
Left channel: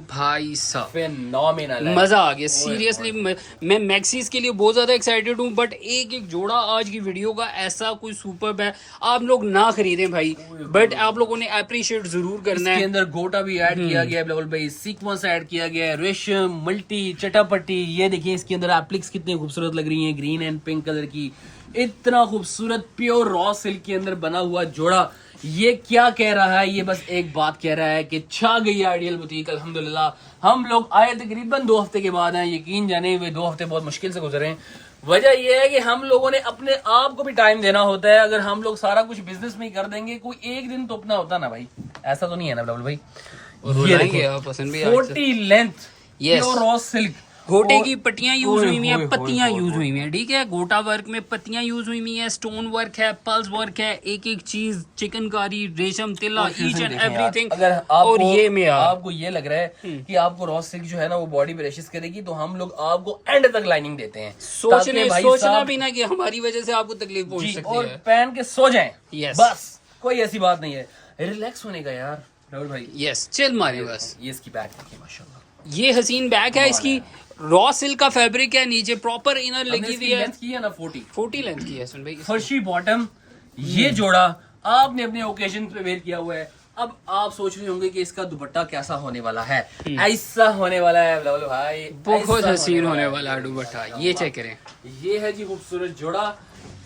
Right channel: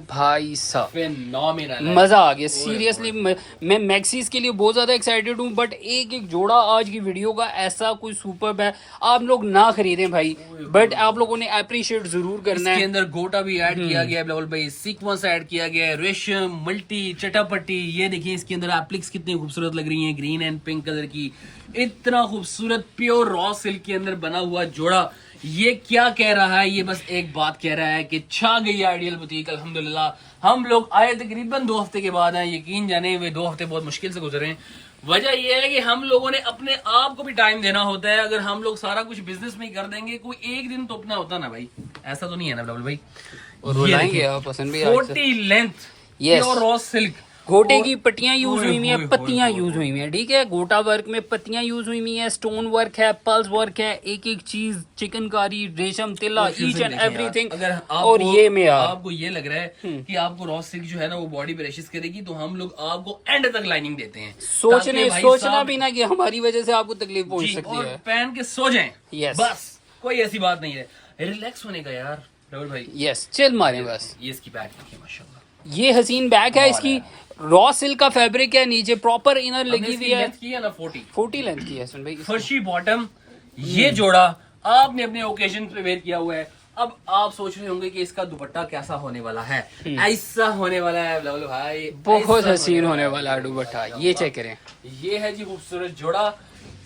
भाई साहब फेनोमिनल है। मजा आ गया सीरियसली। मैं मैक्सीज के लिए बहुत ज्यादा एक्साइटेड हूँ, बट एक एक जोड़ा आज की वीडियो का ऐसा कोई सुपर्ब है, आप लोग ना खरीदें भाई, बट आप लोगों ने अप्रिशिएट जरूर करना इसके है। अंदर गोटा भी ऐड किया गया है बिल्कुल भाई, सीक्वेंस ऐड किया गया है, रेशम, मल्टी, चटापट्टी। ये देखिए इसके अंदर एप्लिक्स कितनी खूबसूरत लग रही हैं, ग्रीन एंड पिंक कलर की, इतना खूबसूरत प्योर रॉ सिल्क के अंदर बना हुआ जोड़ा। ये क्या कह रहा है? ये बस एक बात कह रहा है कि छा गई आइडियल बुटीक अल्हम्दुलिल्लाह। हम लोग आए तकरीबन 2 हफ्ते के बाद हैं, यकीन जाने हुए 2 हफ्ते बहुत मुश्किल से गुजरे हैं। वजह यह है कि हम लोगों ने अपने आप को भी टाइम देना होता है। अगर हम लोग सारा कुछ बिजनेस में ही कर देंगे, कोई एक दिन तो अपना होता ना भाई, ऐसा तो नहीं है ना बिल्कुल भाई। और रुलाएंगे आप पसंद भी आज से। 40 length Yes. Pure raw silk, गोटे की पट्टियां यूज ओए हुई हुई हैं, होए पत्तियां होए यूज हुई हुई हैं, ठीक है। गोटा वर्क में पत्तियां यूज हुई हुई हैं, स्टोन वर्क है, पल्स वर्क है, एक एक चीज, चिकनकारी, रेशम, तिल्ला, ईच एंड एवरीथिंग। अगर और ये में यार आपको ये लग रहा है कि आपको रॉ सिल्क जो है ना वो बॉडी पे रशिश करेगी, तो हम लोग आपको एंड तक लाइनिंग देते हैं। ताकि भाई सोचना साहब भी ना कि हमारी वजह से आपको तकलीफ पहुंच जी, सकती और है। पहन के सो जाएं। Yes. बस कोई ऐसी बात नहीं है, रिलैक्स होने का यार राहुल भाई। यस चिल मारे बस। ये इसकी बैक देखिए माशाल्लाह, ये हसीन बैग है, इसकी रॉ सिल्क का फैब्रिक है, नीचे प्रॉपर इनर लगी हुई है, लेंथ की है ना 40 लेंथ की है सुन भाई। फर्शी बॉटम। ये जोड़ा आपने अपने ओकेजन पे वेयर किया हुआ है। अब आप सोच रहे होंगे कि इसका दुपट्टा कैसा होने वाला है। ऐसा होने वाला है बिल्कुल भाई, बहुत ऐसा हसीन होने वाला है दुपट्टा, ये चेक करें। ये है जी खूबसूरत जोड़ा,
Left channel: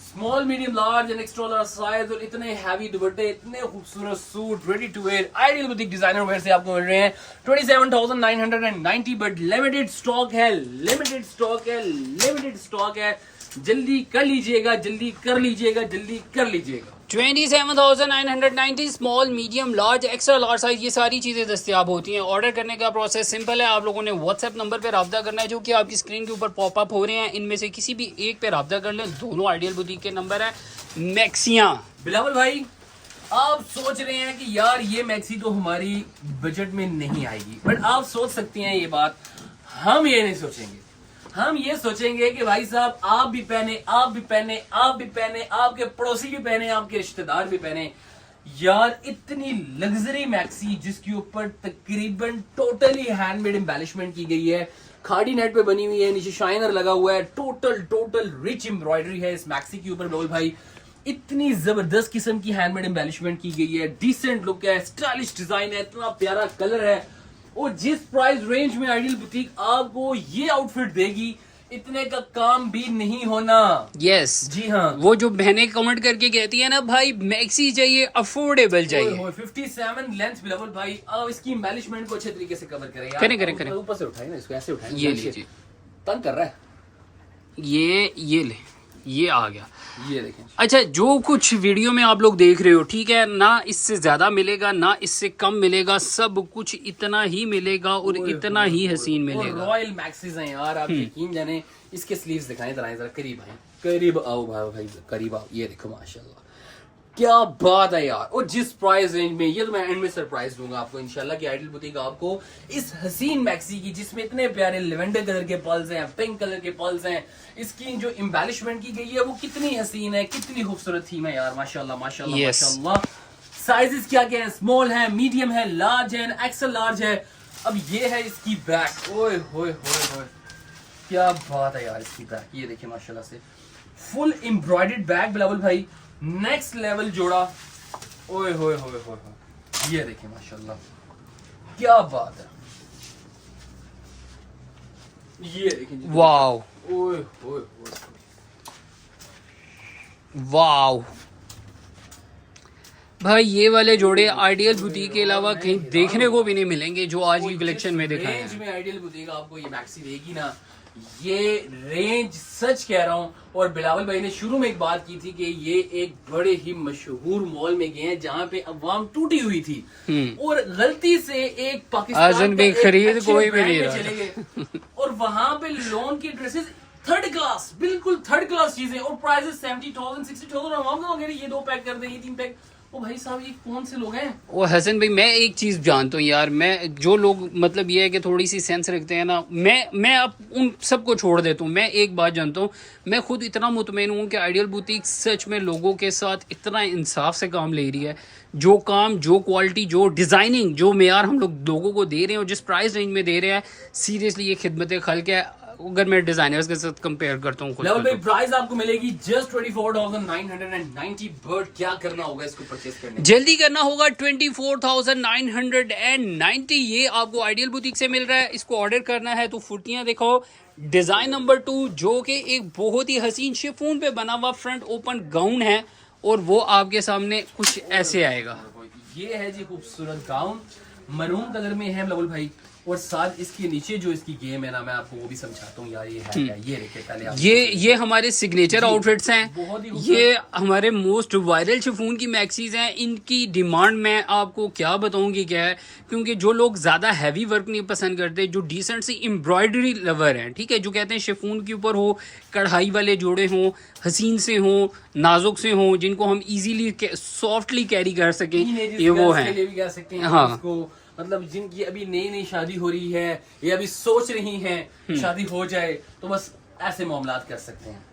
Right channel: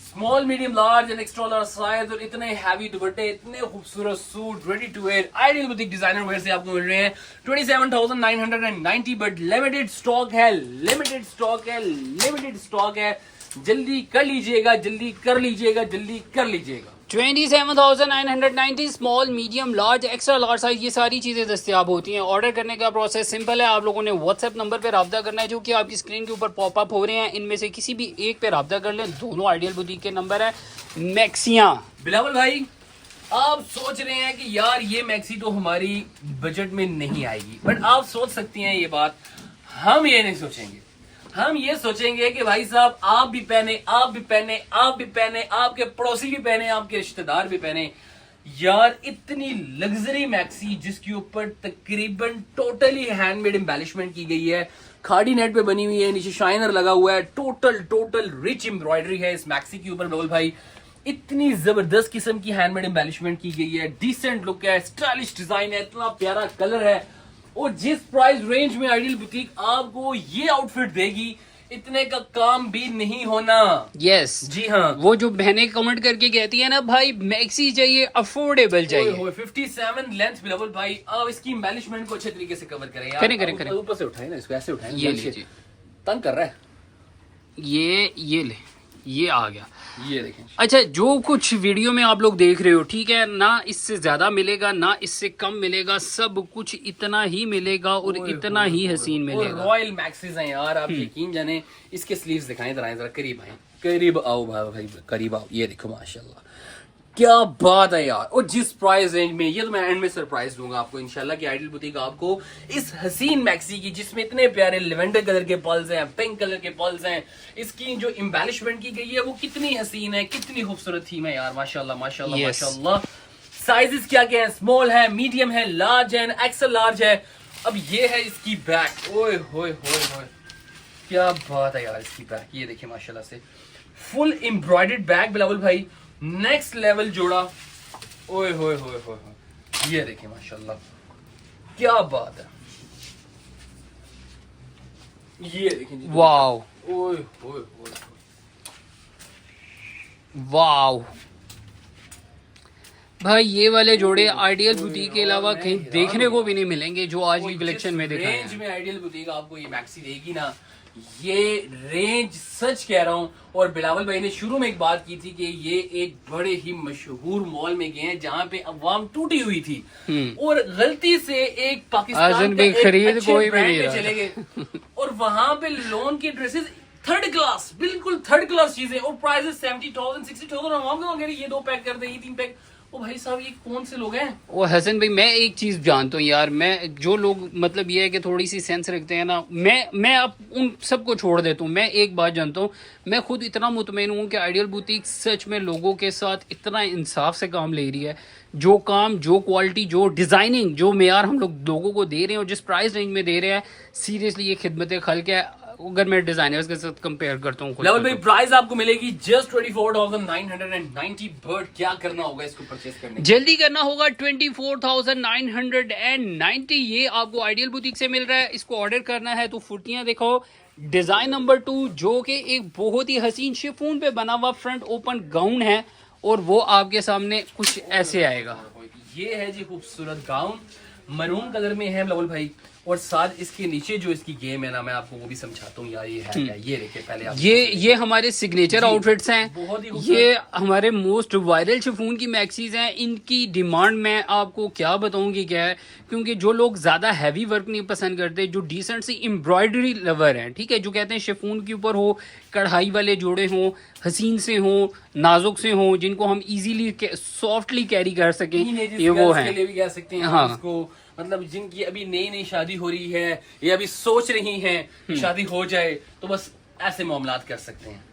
small medium large and extra large size, और इतने हैवी दुपट्टे, इतने खूबसूरत suit ready to wear ideal boutique designer wear से आपको मिल रहे हैं 27,990, बट लिमिटेड स्टॉक है, लिमिटेड स्टॉक है, लिमिटेड स्टॉक है। जल्दी कर लीजिएगा, जल्दी कर लीजिएगा, जल्दी कर लीजिएगा। 27,990 small, medium, large, extra large size, ये सारी चीजें दस्तियाब होती हैं। ऑर्डर करने का प्रोसेस सिंपल है, आप लोगों ने व्हाट्सएप नंबर पे राब्ता करना है जो कि आपकी स्क्रीन के ऊपर पॉपअप हो रहे हैं। इनमें से किसी भी एक पे राब्ता कर लें, दोनों आइडियल बुटीक के नंबर है। मैक्सियां बिलावल भाई, आप सोच रहे हैं कि यार ये मैक्सी तो हमारी बजट में नहीं आएगी, बट आप सोच सकती हैं ये बात, हम ये नहीं सोचेंगे। हम ये सोचेंगे कि भाई साहब आप भी पहने, आप भी पहने, आप भी पहने, आपके पड़ोसी भी पहने, आपके रिश्तेदार भी पहने। यार इतनी लग्जरी मैक्सी जिसके ऊपर तकरीबन टोटली हैंडमेड एम्बेलिशमेंट की गई है, खाड़ी नेट पे बनी हुई है, नीचे शाइनर लगा हुआ है, टोटल रिच एम्ब्रॉयडरी है इस मैक्सी के ऊपर बिल्कुल भाई। इतनी जबरदस्त किस्म की हैंडमेड एम्बेलिशमेंट की गई है, डिसेंट लुक है, स्टाइलिश डिजाइन है, इतना प्यारा कलर है, और जिस प्राइस रेंज में आइडियल बुटीक आपको ये आउटफिट देगी, इतने का काम भी नहीं होना। यस जी हाँ, वो जो बहनें कमेंट करके कहती है ना भाई मैक्सी चाहिए, अफोर्डेबल चाहिए। 57 लेंथ बिल्कुल भाई। आप इसकी एम्बेलिशमेंट को अच्छे तरीके से कवर करें यार। करें। ऊपर से उठाए ना इसको, ऐसे उठाए, ये लीजिए, तंग कर रहा है ये ले, ये आ गया। ये देखें। अच्छा, जो कुछ वीडियो में आप लोग देख रहे हो, ठीक है ना, इससे ज्यादा मिलेगा ना इससे कम मिलेगा, सब कुछ इतना ही मिलेगा और इतना ही हसीन मिलेगा। रॉयल मैक्सीज हैं यार, आप यकीन जाने। इसके स्लीव्स दिखाएं जरा, करीब आए, करीब आओ भाई, करीब आओ। ये देखो माशाल्लाह, क्या बात है यार। और जिस प्राइस रेंज में, ये तो मैं एंड में सरप्राइज दूंगा आपको इंशाल्लाह कि आइडियल बुटीक आपको इस हसीन मैक्सी की, जिसमें इतने प्यारे लेवेंडर कलर के पल्स हैं, पिंक कलर के पल्स हैं, इसकी जो एम्बेलिशमेंट की गई है वो कितनी हसीन है, कितनी खूबसूरत थीम है यार। माशाल्लाह माशाल्लाह Yes. माशाल्लाह। साइजेस क्या क्या है? स्मॉल है, मीडियम है, लार्ज है, एक्सेल लार्ज है। अब ये है इसकी बैक, ओए होए होए होए, क्या बात है यार इसकी बैक। ये देखिए माशाल्लाह से फुल एम्ब्रॉयडर्ड बैक बिलावल भाई, नेक्स्ट लेवल जोड़ा। ओए होए होए होए, ये देखिए माशाल्लाह, क्या बात है। ये देखिए जी, वाओ ओए होए होए, वाओ भाई, ये वाले जोड़े आइडियल बुटीक के अलावा कहीं देखने को भी नहीं मिलेंगे जो आज की कलेक्शन में दिखाए रेंज हैं। में आइडियल बुटीक आपको ये मैक्सी देगी ना, ये रेंज सच कह रहा हूँ। और बिलावल भाई ने शुरू में एक बात की थी कि ये एक बड़े ही मशहूर मॉल में गए हैं जहाँ पे अवाम टूटी हुई थी और गलती से एक पाकिस्तान आजन के भी एक खरीद अच्छे कोई भी ब्रांड नहीं में रहा चले गए और वहां पे लोन के ड्रेसेस थर्ड क्लास, बिल्कुल थर्ड क्लास चीजें, और प्राइसेस 70,000 60,000 और हम कहोगे ये 2 पैक कर दे, ये 3 पैक। ओ भाई साहब, ये कौन से लोग हैं? ओ हसन भाई, मैं एक चीज जानता हूँ यार, मैं जो लोग मतलब ये है कि थोड़ी सी सेंस रखते हैं ना, मैं अब उन सबको छोड़ देता हूँ। मैं एक बात जानता हूँ, मैं खुद इतना मुतमईन हूँ कि आइडियल बुटीक सच में लोगों के साथ इतना इंसाफ से काम ले रही है। जो काम, जो क्वालिटी, जो डिजाइनिंग, जो मेयार हम लोगों को दे रहे हैं और जिस प्राइस रेंज में दे रहे हैं, सीरियसली ये खिदमत खल्क है। अगर मैं डिजाइनर्स के साथ कंपेयर करता हूँ खुद लेवल को भाई तो। प्राइस आपको मिलेगी जस्ट 24,990। बट क्या करना होगा इसको परचेस करने? जल्दी करना होगा, 24,990 ये आपको आइडियल बुटीक से मिल रहा है। इसको ऑर्डर करना है तो फुटियां देखो, डिजाइन नंबर 2 जो कि एक बहुत ही हसीन शिफॉन पे बना हुआ फ्रंट ओपन गाउन है और वो आपके सामने कुछ ऐसे आएगा। ये है जी खूबसूरत गाउन, मरून कलर में है लेवल भाई। और साथ इसके नीचे जो इसकी गेम है ना, मैं आपको वो भी समझाता हूँ यार। ये है क्या? ये देखिए पहले आप, ये हमारे सिग्नेचर आउटफिट्स हैं। बहुत ही खूबसूरत। ये हमारे मोस्ट वायरल शिफॉन की मैक्सीज हैं। इनकी डिमांड मैं आपको क्या बताऊंगी क्या है, क्योंकि जो लोग ज्यादा हैवी वर्क नहीं पसंद करते, जो डिसेंट सी एम्ब्रॉयडरी लवर हैं, ठीक है, जो कहते हैं शिफॉन के ऊपर हो, कढ़ाई वाले जोड़े हों, हसीन से हों, नाजुक से हों, जिनको हम इजीली सॉफ्टली कैरी कर सकें, ये वो हैं। के लिए भी कह सकते हैं हाँ। इसको, मतलब जिनकी अभी नई नई शादी हो रही है या अभी सोच रही हैं शादी हो जाए, तो बस ऐसे मामलात कर सकते हैं।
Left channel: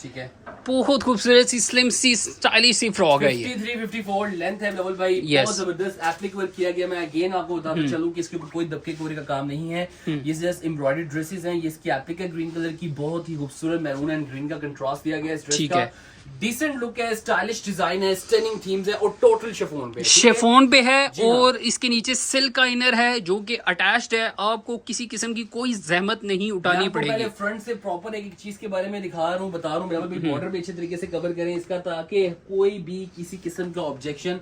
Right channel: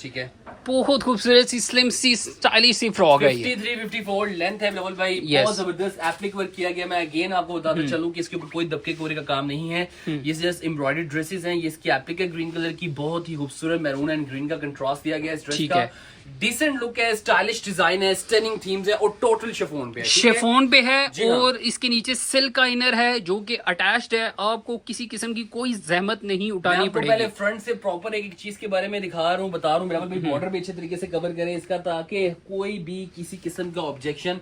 ठीक है, बहुत खूबसूरत सी स्लिम सी स्टाइलिश सी फ्रॉक है ये। 53-54 लेंथ है लेवल भाई। Yes. बहुत जबरदस्त एप्लिक वर्क किया गया। मैं अगेन आपको बताता चलूं कि इसके ऊपर कोई दबके कोरे का काम नहीं है। ये जस्ट एम्ब्रॉयडर्ड ड्रेसेस हैं। ये इसकी एप्लिक है ग्रीन कलर की, बहुत ही खूबसूरत मैरून एंड ग्रीन का कंट्रास्ट दिया गया है इस ड्रेस ठीक का। है। डिसेंट लुक है, स्टाइलिश डिजाइन है, स्टनिंग थीम्स है और टोटल शिफॉन पे है। ठीक है? शेफोन पे है जी हाँ। और इसके नीचे सिल्क का इनर है जो कि अटैच्ड है। आपको किसी किस्म की कोई जहमत नहीं मैं उठानी आपको पहले पड़ेगी। फ्रंट से प्रॉपर एक चीज के बारे में दिखा रहा हूँ, बता रहा हूँ। बिल्कुल बॉर्डर भी अच्छे तरीके से कवर करें इसका, ताकि कोई भी किसी किस्म का ऑब्जेक्शन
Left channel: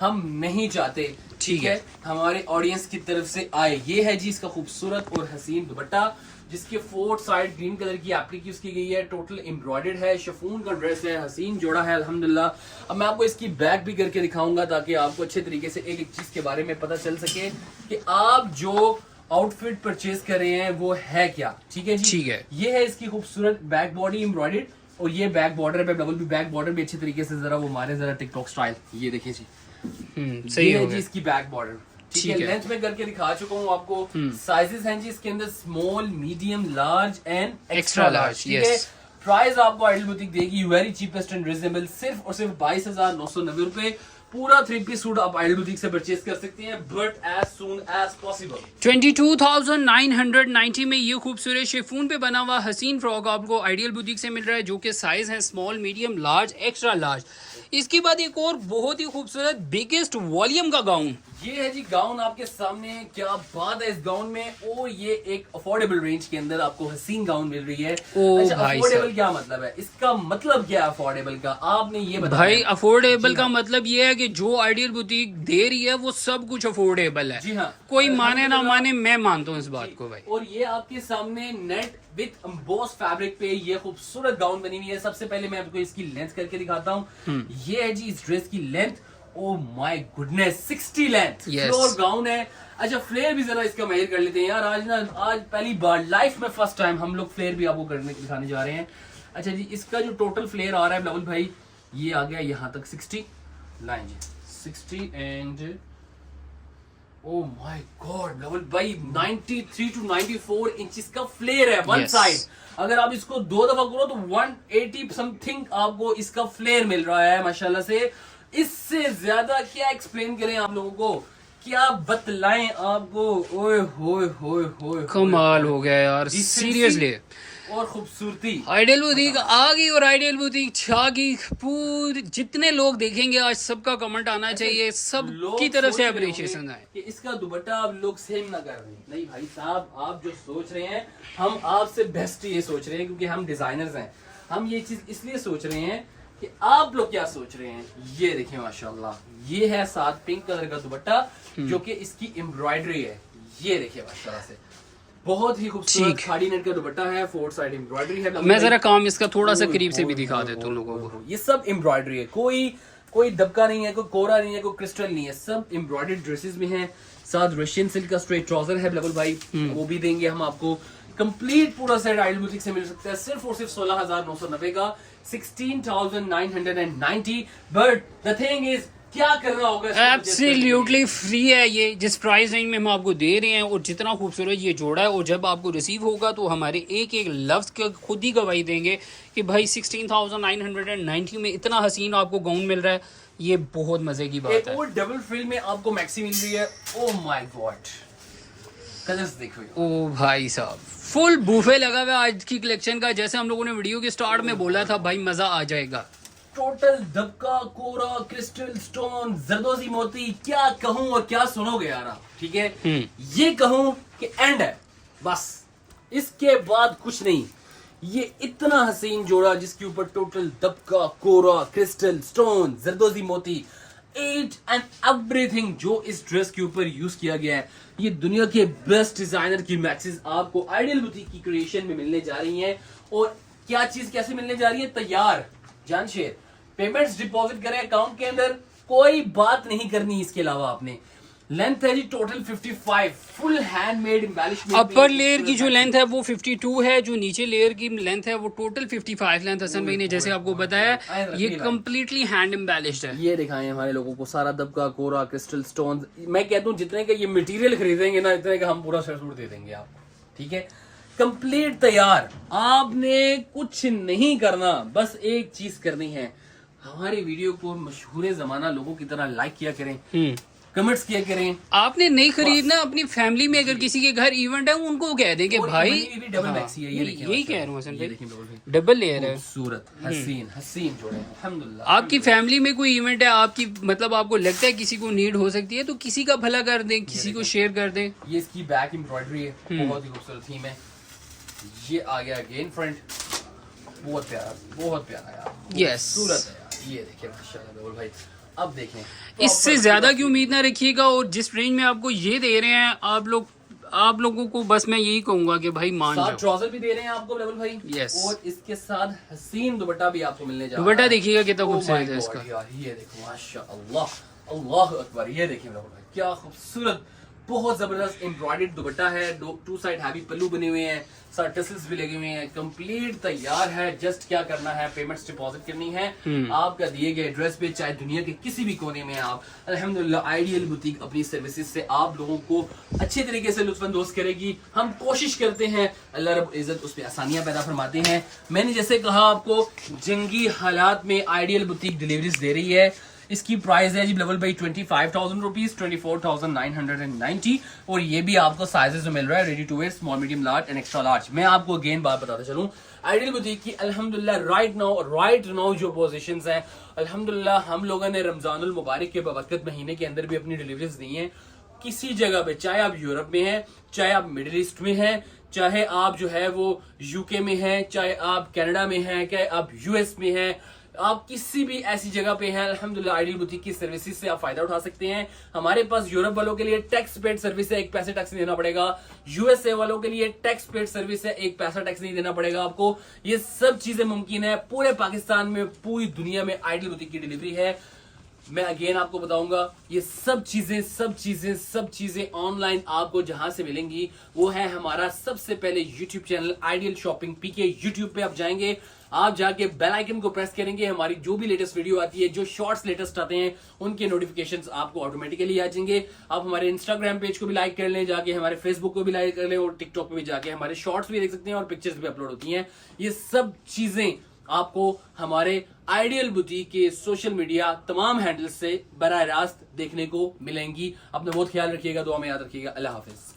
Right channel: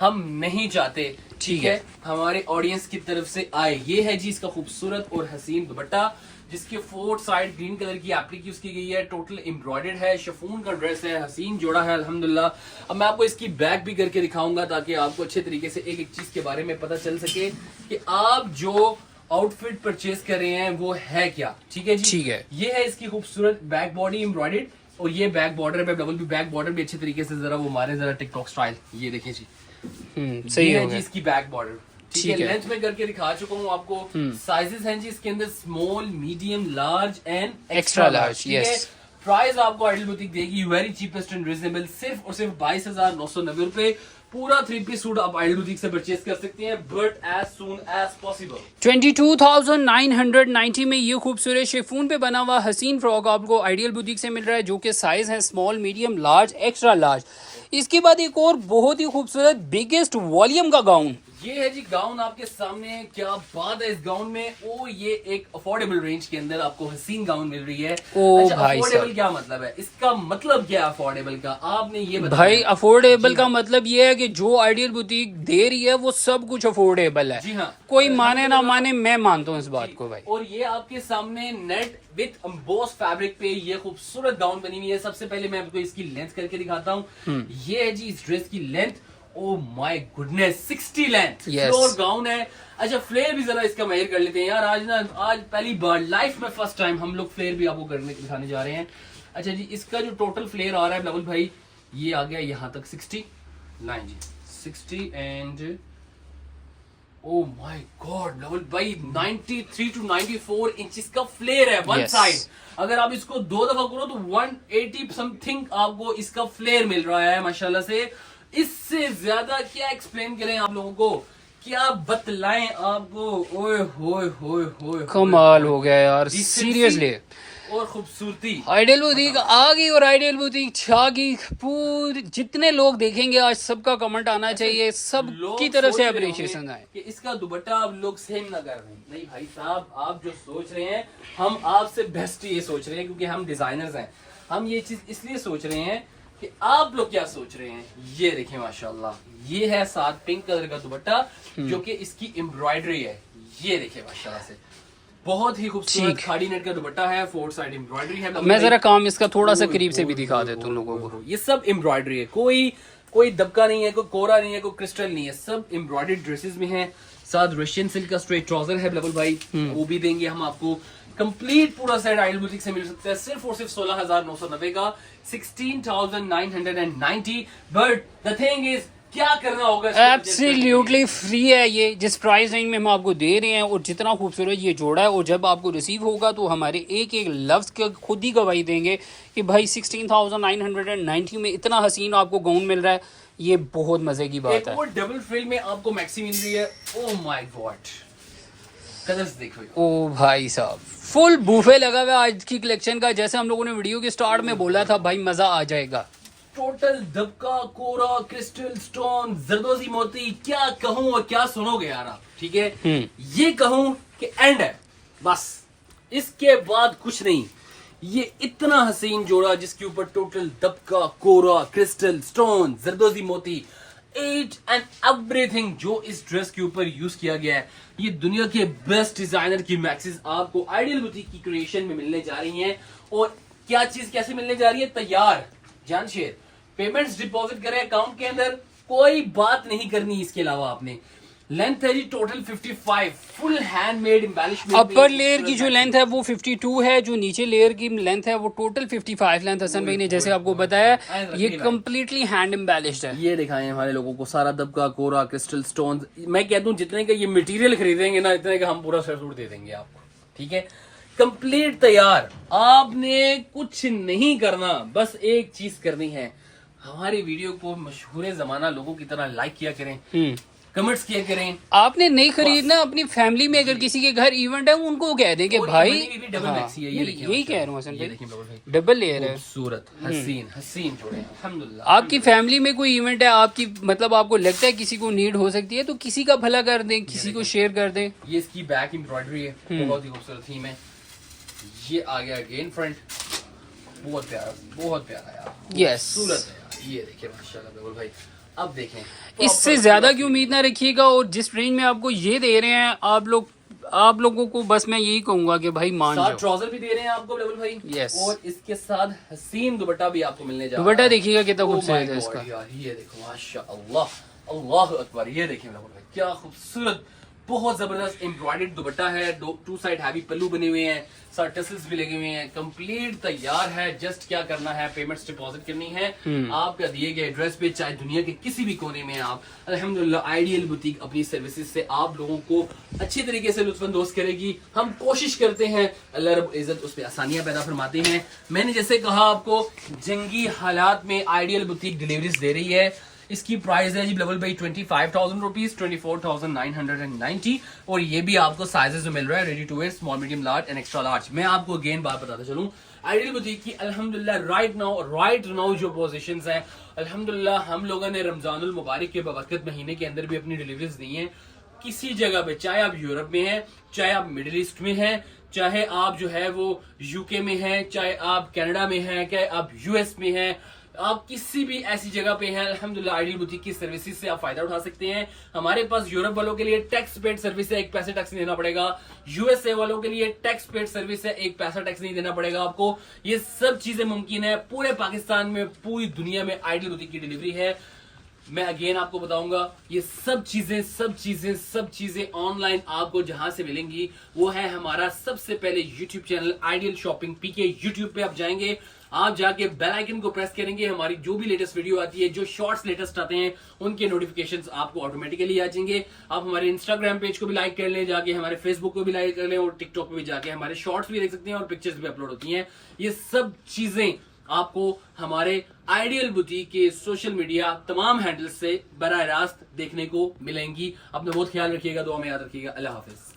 हम नहीं चाहते। ठीक है। हमारे ऑडियंस की तरफ से आए। ये है जी इसका खूबसूरत और हसीन दुपट्टा, जिसके 4 साइड ग्रीन कलर की एप्लिक यूज की गई है। टोटल एम्ब्रॉयडर्ड है, शिफॉन का ड्रेस है, हसीन जोड़ा है अल्हम्दुलिल्लाह। अब मैं आपको इसकी बैक भी करके दिखाऊंगा ताकि आपको अच्छे तरीके से एक एक चीज के बारे में पता चल सके कि आप जो आउटफिट परचेज कर रहे हैं वो है क्या। ठीक है जी, ठीक है। ये है इसकी खूबसूरत बैक बॉडी एम्ब्रॉयडर्ड, और ये बैक बॉर्डर पे डबल भी बैक बॉर्डर भी अच्छे तरीके से जरा वो मारे जरा टिकटॉक स्टाइल। ये देखिए जी, सही ये हो है जी गया। इसकी बैक बॉर्डर। ठीक ठीक है, है। लेंथ में करके दिखा चुका हूँ आपको। साइजेस हैं जी इसके अंदर small, medium, large and extra large. ठीक है, yes. प्राइस आपको आइडियल बुटीक देगी वेरी चीपेस्ट एंड रिजनेबल, सिर्फ और सिर्फ 22,990 रुपए। पूरा 3 पीस सूट आप आइडियल बुटीक से परचेज कर सकते हैं, but as soon as possible. 22,990 में ये खूबसूरत शिफॉन पे बना हुआ हसीन फ्रॉक आपको आइडियल बुटीक से मिल रहा है, जो कि साइज है small, medium, large, extra large. इसके बाद एक और बहुत ही खूबसूरत बिगेस्ट वॉल्यूम का गाउन। ये है जी गाउन आपके सामने। क्या बात है इस गाउन में। ओ, ये एक अफोर्डेबल रेंज के अंदर आपको हसीन गाउन मिल रही है। ओ अच्छा, भाई अफोर्डेबल साहब। क्या मतलब है इसका? मतलब क्या है अफोर्डेबल का, आपने ये बताया। भाई अफोर्डेबल जी का हाँ। मतलब ये है कि जो आइडियल बुटीक दे रही है वो सब कुछ अफोर्डेबल है। जी हाँ। कोई माने ना माने, मैं मानता हूँ इस बात को भाई। और ये आपके सामने नेट विथ एम्बोस फैब्रिक पे ये खूबसूरत गाउन बनी हुई है। सबसे पहले मैं आपको इसकी लेंथ करके दिखाता हूँ। ये है जी इस ड्रेस की length. Oh my goodness, 60 length Yes. Floor gown है। अच्छा, फ्लेयर भी जरा इसका मेजर कर लेते हैं यार। आज पहली बार लाइफ में फर्स्ट टाइम हम लोग फ्लेयर भी आपको करने दिखाने जा रहे हैं। अच्छा जी, इसका जो टोटल फ्लेयर आ रहा है बिलावल भाई, ये आ गया यहाँ तक 60। लाइन जी 60 and oh my god double भाई 93 to 94 इंचेस का फ्लेयर है वन Yes. साइड। अगर आप इसको 2 दफा करो तो 180 समथिंग आपको इसका फ्लेयर मिल रहा है माशाल्लाह से। इससे ज्यादा क्या एक्सप्लेन करें आप लोगों को, क्या बतलाएं आपको। ओए होए होए होए कमाल हो गया यार, Decency सीरियसली। और खूबसूरती। आइडियल बुटीक आ गई और आइडियल बुटीक छा गई। पूरी जितने लोग देखेंगे आज सबका कमेंट आना चाहिए, सब लोग की तरफ सोच से रहे अप्रिशिएशन होंगे आए। कि इसका दुपट्टा आप लोग सेम ना कर रहे हैं। नहीं भाई साहब, आप जो सोच रहे हैं हम आपसे बेस्ट ये सोच रहे हैं, क्योंकि हम डिजाइनर्स हैं। हम ये चीज इसलिए सोच रहे हैं कि आप लोग क्या सोच रहे हैं। ये देखिए माशाल्लाह, ये है साथ पिंक कलर का दुपट्टा जो कि इसकी एम्ब्रॉयडरी है। ये देखिए माशाल्लाह से बहुत ही खूबसूरत खाड़ी नेट का दुपट्टा है, 4 साइड एम्ब्रॉयडरी है। मैं जरा काम इसका थोड़ा सा करीब से भी दिखा देता हूँ लोगों को। ये सब एम्ब्रॉयडरी है, कोई दबका नहीं है, कोई कोरा नहीं है, कोई क्रिस्टल नहीं है, सब एम्ब्रॉयडर्ड ड्रेसेस में है। साथ रशियन सिल्क का स्ट्रेट ट्राउजर है बिल्कुल भाई, वो भी देंगे हम आपको। कंप्लीट पूरा सेट आइडियल बुटीक से मिल सकता है सिर्फ और सिर्फ 16,990 का, 16,990। बट द थिंग इज क्या करना होगा, एब्सोल्युटली फ्री है ये, जिस प्राइस रेंज में हम आपको दे रहे हैं और जितना खूबसूरत ये जोड़ा है। और जब आपको रिसीव होगा तो हमारे एक एक लफ्ज के खुद ही गवाही देंगे कि भाई 16,990 में इतना हसीन आपको गाउन मिल रहा है। ये बहुत मजे की बात एक है। और डबल फ्रिल में आपको मैक्सी मिल रही है। ओह माय गॉड, कलर्स देखो। ओ भाई साहब, फुल बूफे लगा हुआ है आज की कलेक्शन का। जैसे हम लोगों ने वीडियो के स्टार्ट में बोला था भाई, मजा आ जाएगा। टोटल दबका, कोरा, क्रिस्टल, स्टोन, जरदोजी मोती, क्या कहूं और क्या सुनोगे यार आप। ठीक है, ये कहूं कि एंड है बस, इसके बाद कुछ नहीं। ये इतना हसीन जोड़ा जिसके ऊपर टोटल दबका, कोरा, क्रिस्टल, स्टोन, जरदोजी मोती, एट एंड एवरीथिंग जो इस ड्रेस के ऊपर यूज किया गया है। ये दुनिया के बेस्ट डिजाइनर की मैक्सिस आपको आइडियल बुटीक की क्रिएशन में मिलने जा रही हैं। और क्या चीज कैसे मिलने जा रही है, तैयार जानशेर। पेमेंट्स डिपॉजिट करें अकाउंट के अंदर, कोई बात नहीं करनी इसके अलावा आपने। लेंथ है जी total 55, full handmade embellishment. Upper layer की जो लेंथ है वो 52 है, जो नीचे लेयर की लेंथ है वो टोटल 55 लेंथ हसन भाई ने जैसे आपको बताया। ये कम्प्लीटली हैंड एम्बेलिश्ड है। ये दिखाएं हमारे लोगों को, सारा दबका, कोरा, क्रिस्टल, स्टोन। मैं कहता हूँ जितने का ये मटेरियल खरीदेंगे ना, इतने का हम पूरा सेट सूट दे देंगे आपको। ठीक है, कंप्लीट तैयार। आपने कुछ नहीं करना, बस एक चीज करनी है, हमारी वीडियो को मशहूर जमाना लोगों की तरह लाइक किया करें, कमेंट्स किया करें। आपने नहीं खरीदना, अपनी फैमिली में अगर किसी के घर इवेंट है उनको कह दें कि भाई डबल मैक्सी है। ये देखिए, यही कह रहा हूँ हसन ये भाई, देखिए डबल लेयर है। खूबसूरत हसीन हसीन जोड़े हैं, अल्हम्दुलिल्लाह। आपकी फैमिली में कोई इवेंट है, आपकी मतलब आपको लगता है किसी को नीड हो सकती है, तो किसी का भला कर दें, किसी को शेयर कर दें। ये इसकी बैक एम्ब्रॉयडरी है, बहुत ही खूबसूरत थीम है। ये आ गया अगेन फ्रंट, बहुत प्यारा यार, यस, खूबसूरत है यार। ये देखिए माशाल्लाह बिल्कुल भाई। अब देखें, इससे ज्यादा की उम्मीद ना रखिएगा। और जिस रेंज में आपको ये दे रहे हैं आप लोगों को बस मैं यही कहूंगा कि भाई मान साथ जाओ। ट्राउजर भी दे रहे हैं आपको लेवल भाई। Yes. और इसके साथ हसीन दुपट्टा भी आपको मिलने जा रहा है। दुपट्टा देखिएगा कितना Oh my खूबसूरत है God, इसका। यार ये देखो माशाअल्लाह, अल्लाह अकबर। ये देखिए लेवल भाई, क्या खूबसूरत, बहुत जबरदस्त एम्ब्रॉयडर्ड दुपट्टा है। 2 साइड हैवी पल्लू बने हुए हैं, साथ टसल्स भी लगे हुए हैं, कंप्लीट तैयार है। जस्ट क्या करना है, पेमेंट्स डिपॉजिट करनी है आपका दिए गए एड्रेस पे, चाहे दुनिया के किसी भी कोने में आप। अल्हम्दुलिल्लाह आइडियल बुटीक अपनी सर्विसेज से आप लोगों को अच्छे तरीके से लुत्फानंदोज करेगी। हम कोशिश करते हैं, अल्लाह रब्बुल इज्जत उस पर आसानियां पैदा फरमाते हैं। मैंने जैसे कहा आपको, जंगी हालात में आइडियल बुटीक डिलीवरीज दे रही है। इसकी प्राइस है जी लेवल भाई 25,000 रुपीज, 24,990। और ये भी आपको साइजेस में मिल रहा है, ready to wear, small, medium, large and extra large. मैं आपको अगेन बात बताता चलूं, आइडियल बुटीक की अल्हम्दुलिल्लाह राइट नाउ जो पोजीशंस हैं, अल्हम्दुलिल्लाह हम लोगों ने रमजानुल मुबारक के बरकत महीने के अंदर भी अपनी डिलीवरीज दी हैं। किसी जगह पे, चाहे आप यूरोप में हैं, चाहे आप मिडिल ईस्ट में हैं, चाहे आप जो है वो यूके में हैं, चाहे आप कनाडा में हैं, चाहे आप यूएस में हैं, आप किसी भी ऐसी जगह पे हैं, अल्हम्दुलिल्लाह आइडियल बुटीक की सर्विसेज से आप फायदा उठा सकते हैं। हमारे पास यूरोप वालों के लिए टैक्स पेड सर्विस है, 1 पैसे टैक्स नहीं देना पड़ेगा। यूएसए वालों के लिए टैक्स पेड सर्विस है, 1 पैसा टैक्स नहीं देना पड़ेगा आपको। ये सब चीजें मुमकिन है। पूरे पाकिस्तान में, पूरी दुनिया में आइडियल बुटीक की डिलीवरी है। मैं अगेन आपको बताऊंगा, ये सब चीजें ऑनलाइन आपको जहां से मिलेंगी वो है हमारा सबसे पहले यूट्यूब चैनल आइडियल शॉपिंग पीके। यूट्यूब पे आप जाएंगे, आप जाके बेल आइकन को प्रेस करेंगे, हमारी जो भी लेटेस्ट वीडियो आती है, जो शॉर्ट्स लेटेस्ट आते हैं, उनके नोटिफिकेशंस आपको ऑटोमेटिकली आ जाएंगे। आप हमारे इंस्टाग्राम पेज को भी लाइक कर लें, जाके हमारे फेसबुक को भी लाइक कर लें, और टिकटॉक पे भी जाके हमारे शॉर्ट्स भी देख सकते हैं और पिक्चर्स भी अपलोड होती हैं। ये सब चीजें आपको हमारे आइडियल बुटीक के सोशल मीडिया तमाम हैंडल्स से बराह रास्त देखने को मिलेंगी। अपना बहुत ख्याल रखिएगा, दुआ में याद रखिएगा। अल्लाह हाफिज।